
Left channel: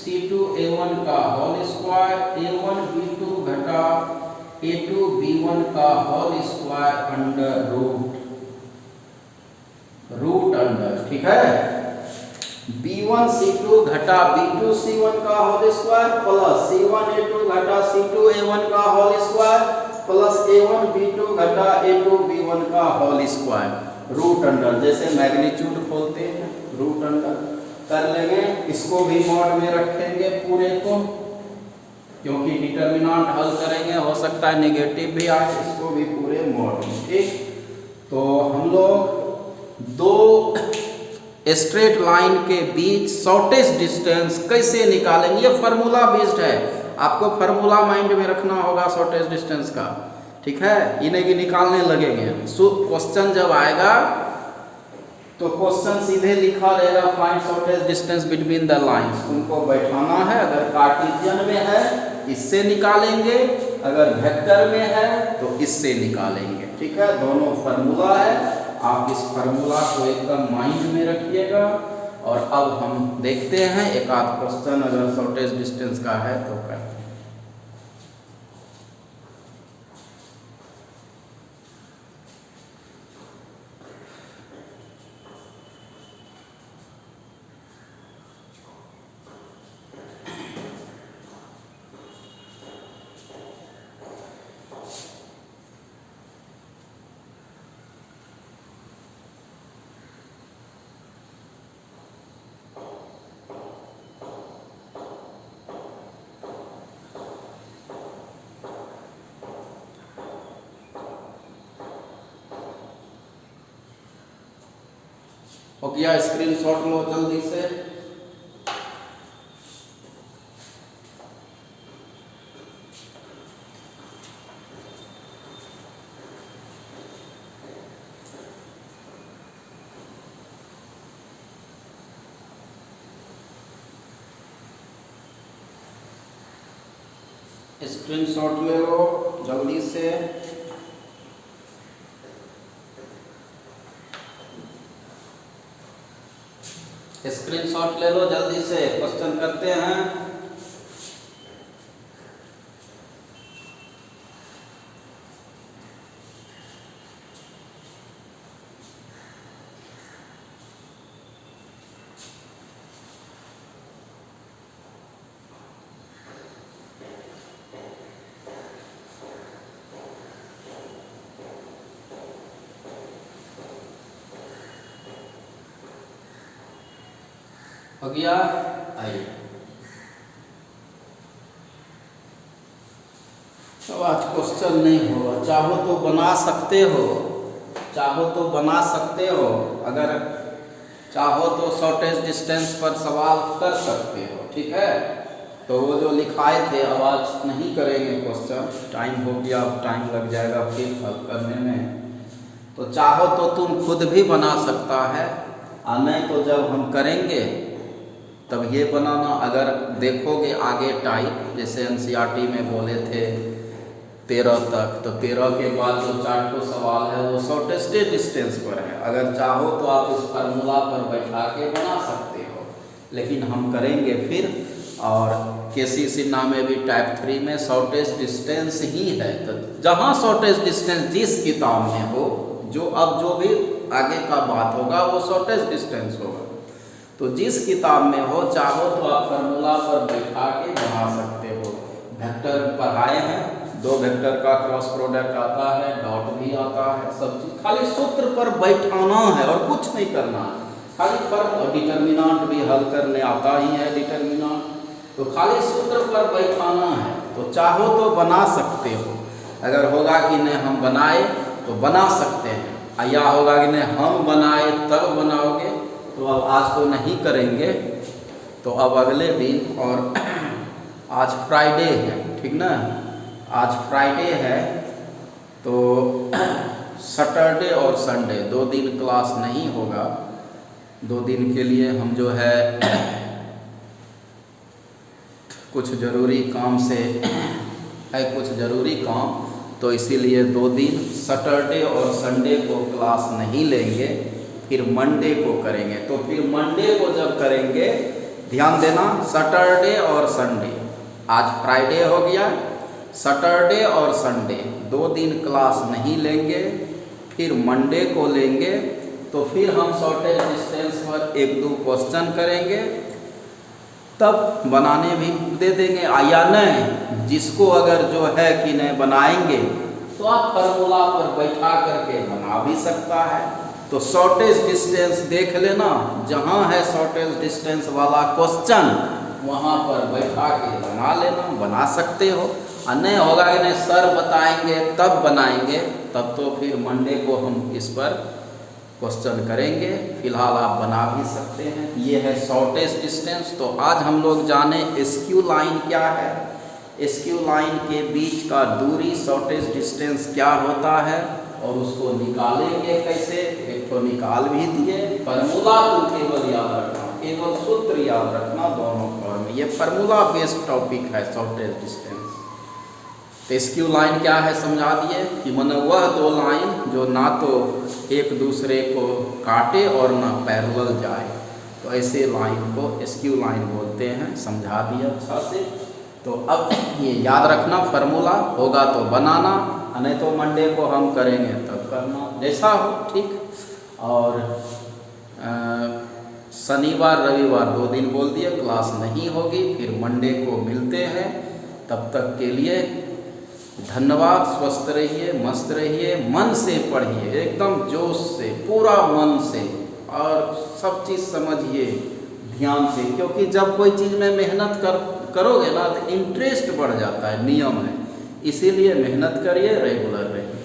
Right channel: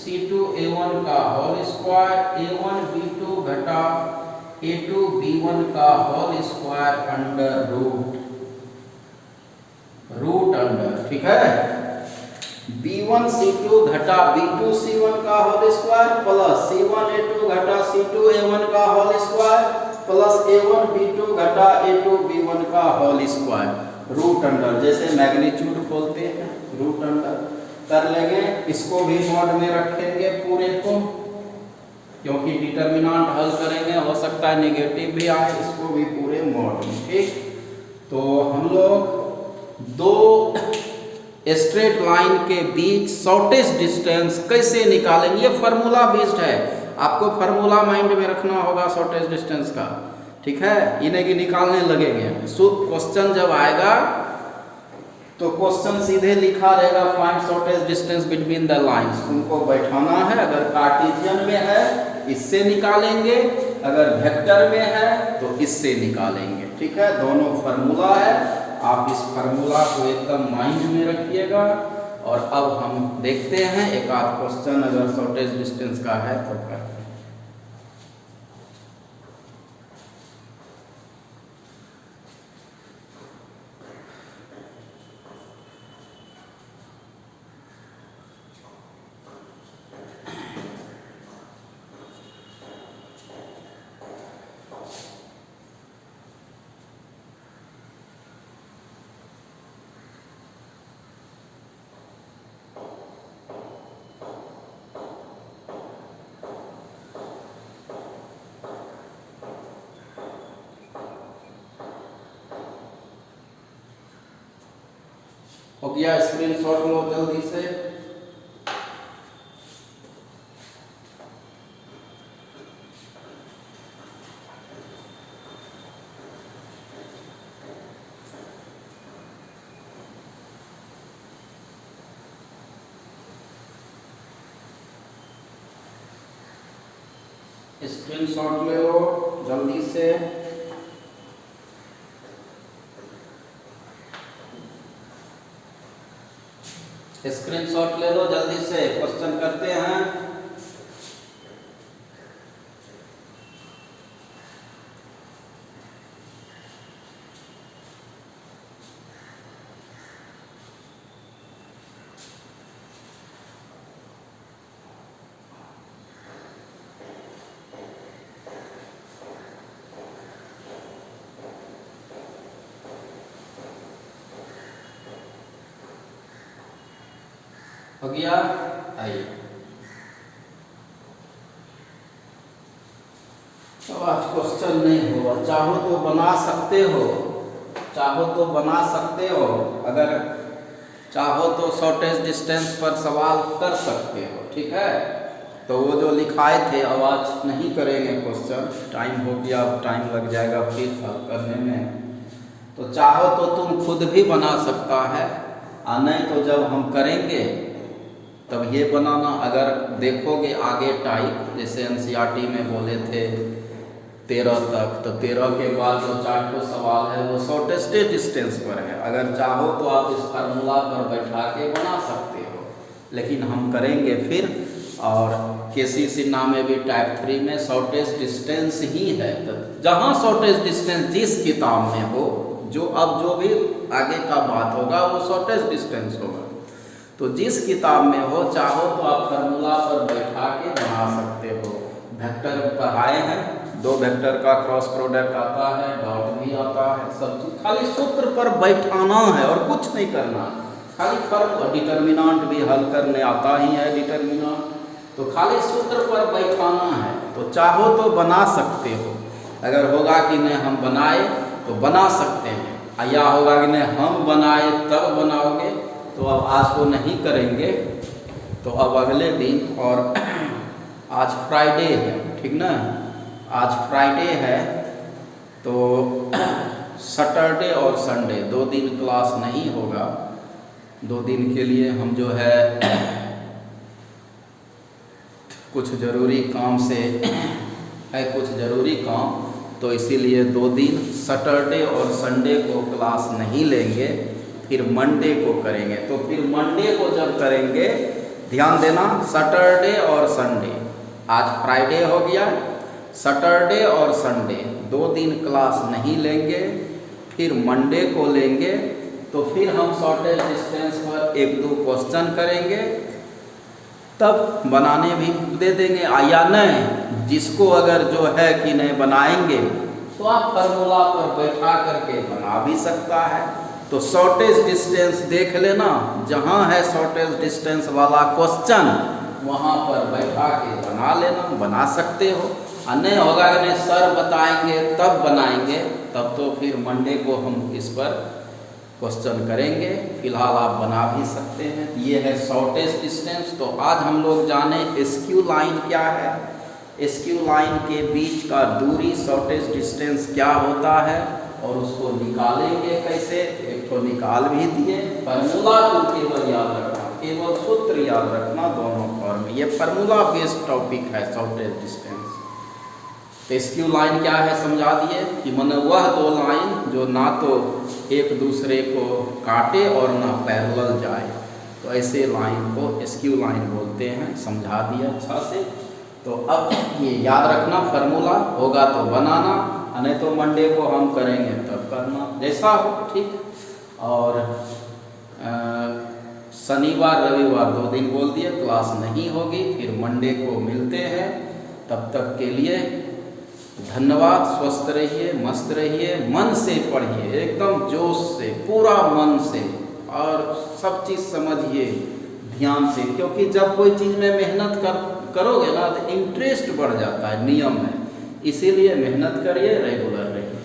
c2 a1 का होल स्क्वायर, a1 b2 घटा a2 b1 का whole square under root under. ठीक है, b1 c2 घटा b2 c1 का whole square plus c1 a2 घटा c2 a1 का whole square plus a1 b2 घटा a2 b1 का होल स्क्वायर रूट अंडर। जैसे मैग्नीट्यूड खोलते हैं, रूट अंडर कर लेंगे। इसको भी मॉड में रखेंगे पूरे को, क्योंकि डिटरमिनेंट हल करेंगे, हो सकता है नेगेटिव भी आए, इसको भी पूरे मॉड में। ठीक, तो हम लोग दो स्ट्रेट लाइन के बीच शॉर्टेस्ट डिस्टेंस कैसे निकालेंगे, ये फार्मूला बेस्ड है, आपको फार्मूला माइंड में रखना होगा शॉर्टेस्ट डिस्टेंस का। ठीक है, इन्हें की निकालने लगेंगे। सो क्वेश्चन जब आएगा तो क्वेश्चन सीधे लिखा रहेगा, find shortest distance between the lines, तुमको बैठाना है। अगर कार्टेशियन में है इससे निकालेंगे, अगर वेक्टर में है तो इससे निकालेंगे। ठीक है, दोनों फार्मूला है, आप इस फार्मूला को एकदम माइंड में रखिएगा। और अब हम देखते हैं एक आध क्वेश्चन, अगर शॉर्टेज डिस्टेंस का है तो करते हैं। हो गया, स्क्रीनशॉट लो जल्दी से। स्क्रीनशॉट ले लो जल्दी से। स्क्रीनशॉट ले लो जल्दी से, क्वेश्चन करते हैं। हो गया, आइए। तो आज क्वेश्चन नहीं हो, चाहो तो बना सकते हो, चाहो तो बना सकते हो, अगर चाहो तो शॉर्टेज डिस्टेंस पर सवाल कर सकते हो, ठीक है। तो वो जो लिखाए थे अब आज नहीं करेंगे क्वेश्चन, टाइम हो गया, अब टाइम लग जाएगा फिर हल करने में। तो चाहो तो तुम खुद भी बना सकता है, और नहीं तो जब हम करेंगे तब ये बनाना। अगर देखोगे आगे टाइप, जैसे एनसीईआरटी में बोले थे 13 तक, तो 13 के बाद जो 4 सवाल है वो शॉर्टेस्ट डिस्टेंस पर है। अगर चाहो तो आप इस फार्मूला पर बैठा के बना सकते हो, लेकिन हम करेंगे फिर। और केसी सिन्हा में भी टाइप 3 में शॉर्टेज डिस्टेंस ही है। तो जहाँ शॉर्टेज डिस्टेंस जिस किताब में हो, जो अब जो भी आगे का बात होगा वो शॉर्टेज डिस्टेंस होगा। तो जिस किताब में हो, चाहो तो आप फार्मूला पर बैठा के बना सकते हो। वेक्टर पढ़ाए हैं, 2 वेक्टर का क्रॉस प्रोडक्ट आता है, डॉट भी आता है, सब चीज खाली सूत्र पर बैठाना है और कुछ नहीं करना। खाली फर्क, और डिटर्मिनेंट भी हल करने आता ही है डिटर्मिनेंट, तो खाली सूत्र पर बैठाना है। तो चाहो तो बना सकते हो। अगर होगा कि नहीं हम बनाए तो बना सकते हैं, या होगा कि नहीं हम बनाए तब बनाओगे, तो अब आज तो नहीं करेंगे, तो अब अगले दिन। और आज फ्राइडे है, ठीक ना, आज फ्राइडे है, तो सैटरडे और संडे 2 दिन क्लास नहीं होगा। 2 दिन के लिए हम जो है कुछ ज़रूरी काम से है, कुछ ज़रूरी काम, तो इसीलिए 2 दिन सैटरडे और संडे को क्लास नहीं लेंगे, फिर मंडे को करेंगे। तो फिर मंडे को जब करेंगे, ध्यान देना, सैटरडे और संडे, आज फ्राइडे हो गया, सैटरडे और संडे 2 दिन क्लास नहीं लेंगे, फिर मंडे को लेंगे। तो फिर हम शॉर्टेज डिस्टेंस पर 1-2 क्वेश्चन करेंगे, तब बनाने भी दे देंगे। या नहीं, जिसको अगर जो है कि नहीं बनाएंगे तो आप फार्मूला पर बैठा करके बना भी सकता है। तो शॉर्टेज डिस्टेंस देख लेना, जहाँ है शॉर्टेज डिस्टेंस वाला क्वेश्चन वहाँ पर बैठा के बना लेना, बना सकते हो। और नहीं होगा कि नहीं सर बताएंगे तब बनाएंगे, तब तो फिर मंडे को हम इस पर क्वेश्चन करेंगे। फिलहाल आप बना भी सकते हैं। ये है शॉर्टेज डिस्टेंस। तो आज हम लोग जाने एसक्यू लाइन क्या है, एसक्यू लाइन के बीच का दूरी शॉर्टेज डिस्टेंस क्या होता है, और उसको निकालेंगे कैसे। एक तो निकाल भी दिए, फार्मूला तो केवल याद रखना, केवल सूत्र याद रखना दोनों फॉर्म। ये फार्मूला बेस्ड टॉपिक है शॉर्टेज डिस्टेंस। एसक्यू लाइन क्या है समझा दिए, कि माने वह 2 लाइन जो ना तो एक दूसरे को काटे और ना पैरेलल जाए, तो ऐसे लाइन को एसक्यू लाइन बोलते हैं। समझा दिया अच्छा से। तो अब ये याद रखना, फार्मूला होगा तो बनाना, नहीं तो मंडे को हम करेंगे तब करना, जैसा हो, ठीक। और शनिवार रविवार 2 दिन बोल दिए क्लास नहीं होगी, फिर मंडे को मिलते हैं। तब तक के लिए धन्यवाद। स्वस्थ रहिए, मस्त रहिए, मन से पढ़िए, एकदम जोश से, पूरा मन से, और सब चीज़ समझिए ध्यान से। क्योंकि जब कोई चीज़ में मेहनत करोगे ना तो इंटरेस्ट बढ़ जाता है, नियम है। इसीलिए मेहनत करिए, रेगुलर रहिए।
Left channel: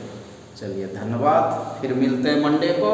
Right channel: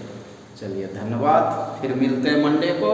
चलिए धन्यवाद, फिर मिलते हैं मंडे को।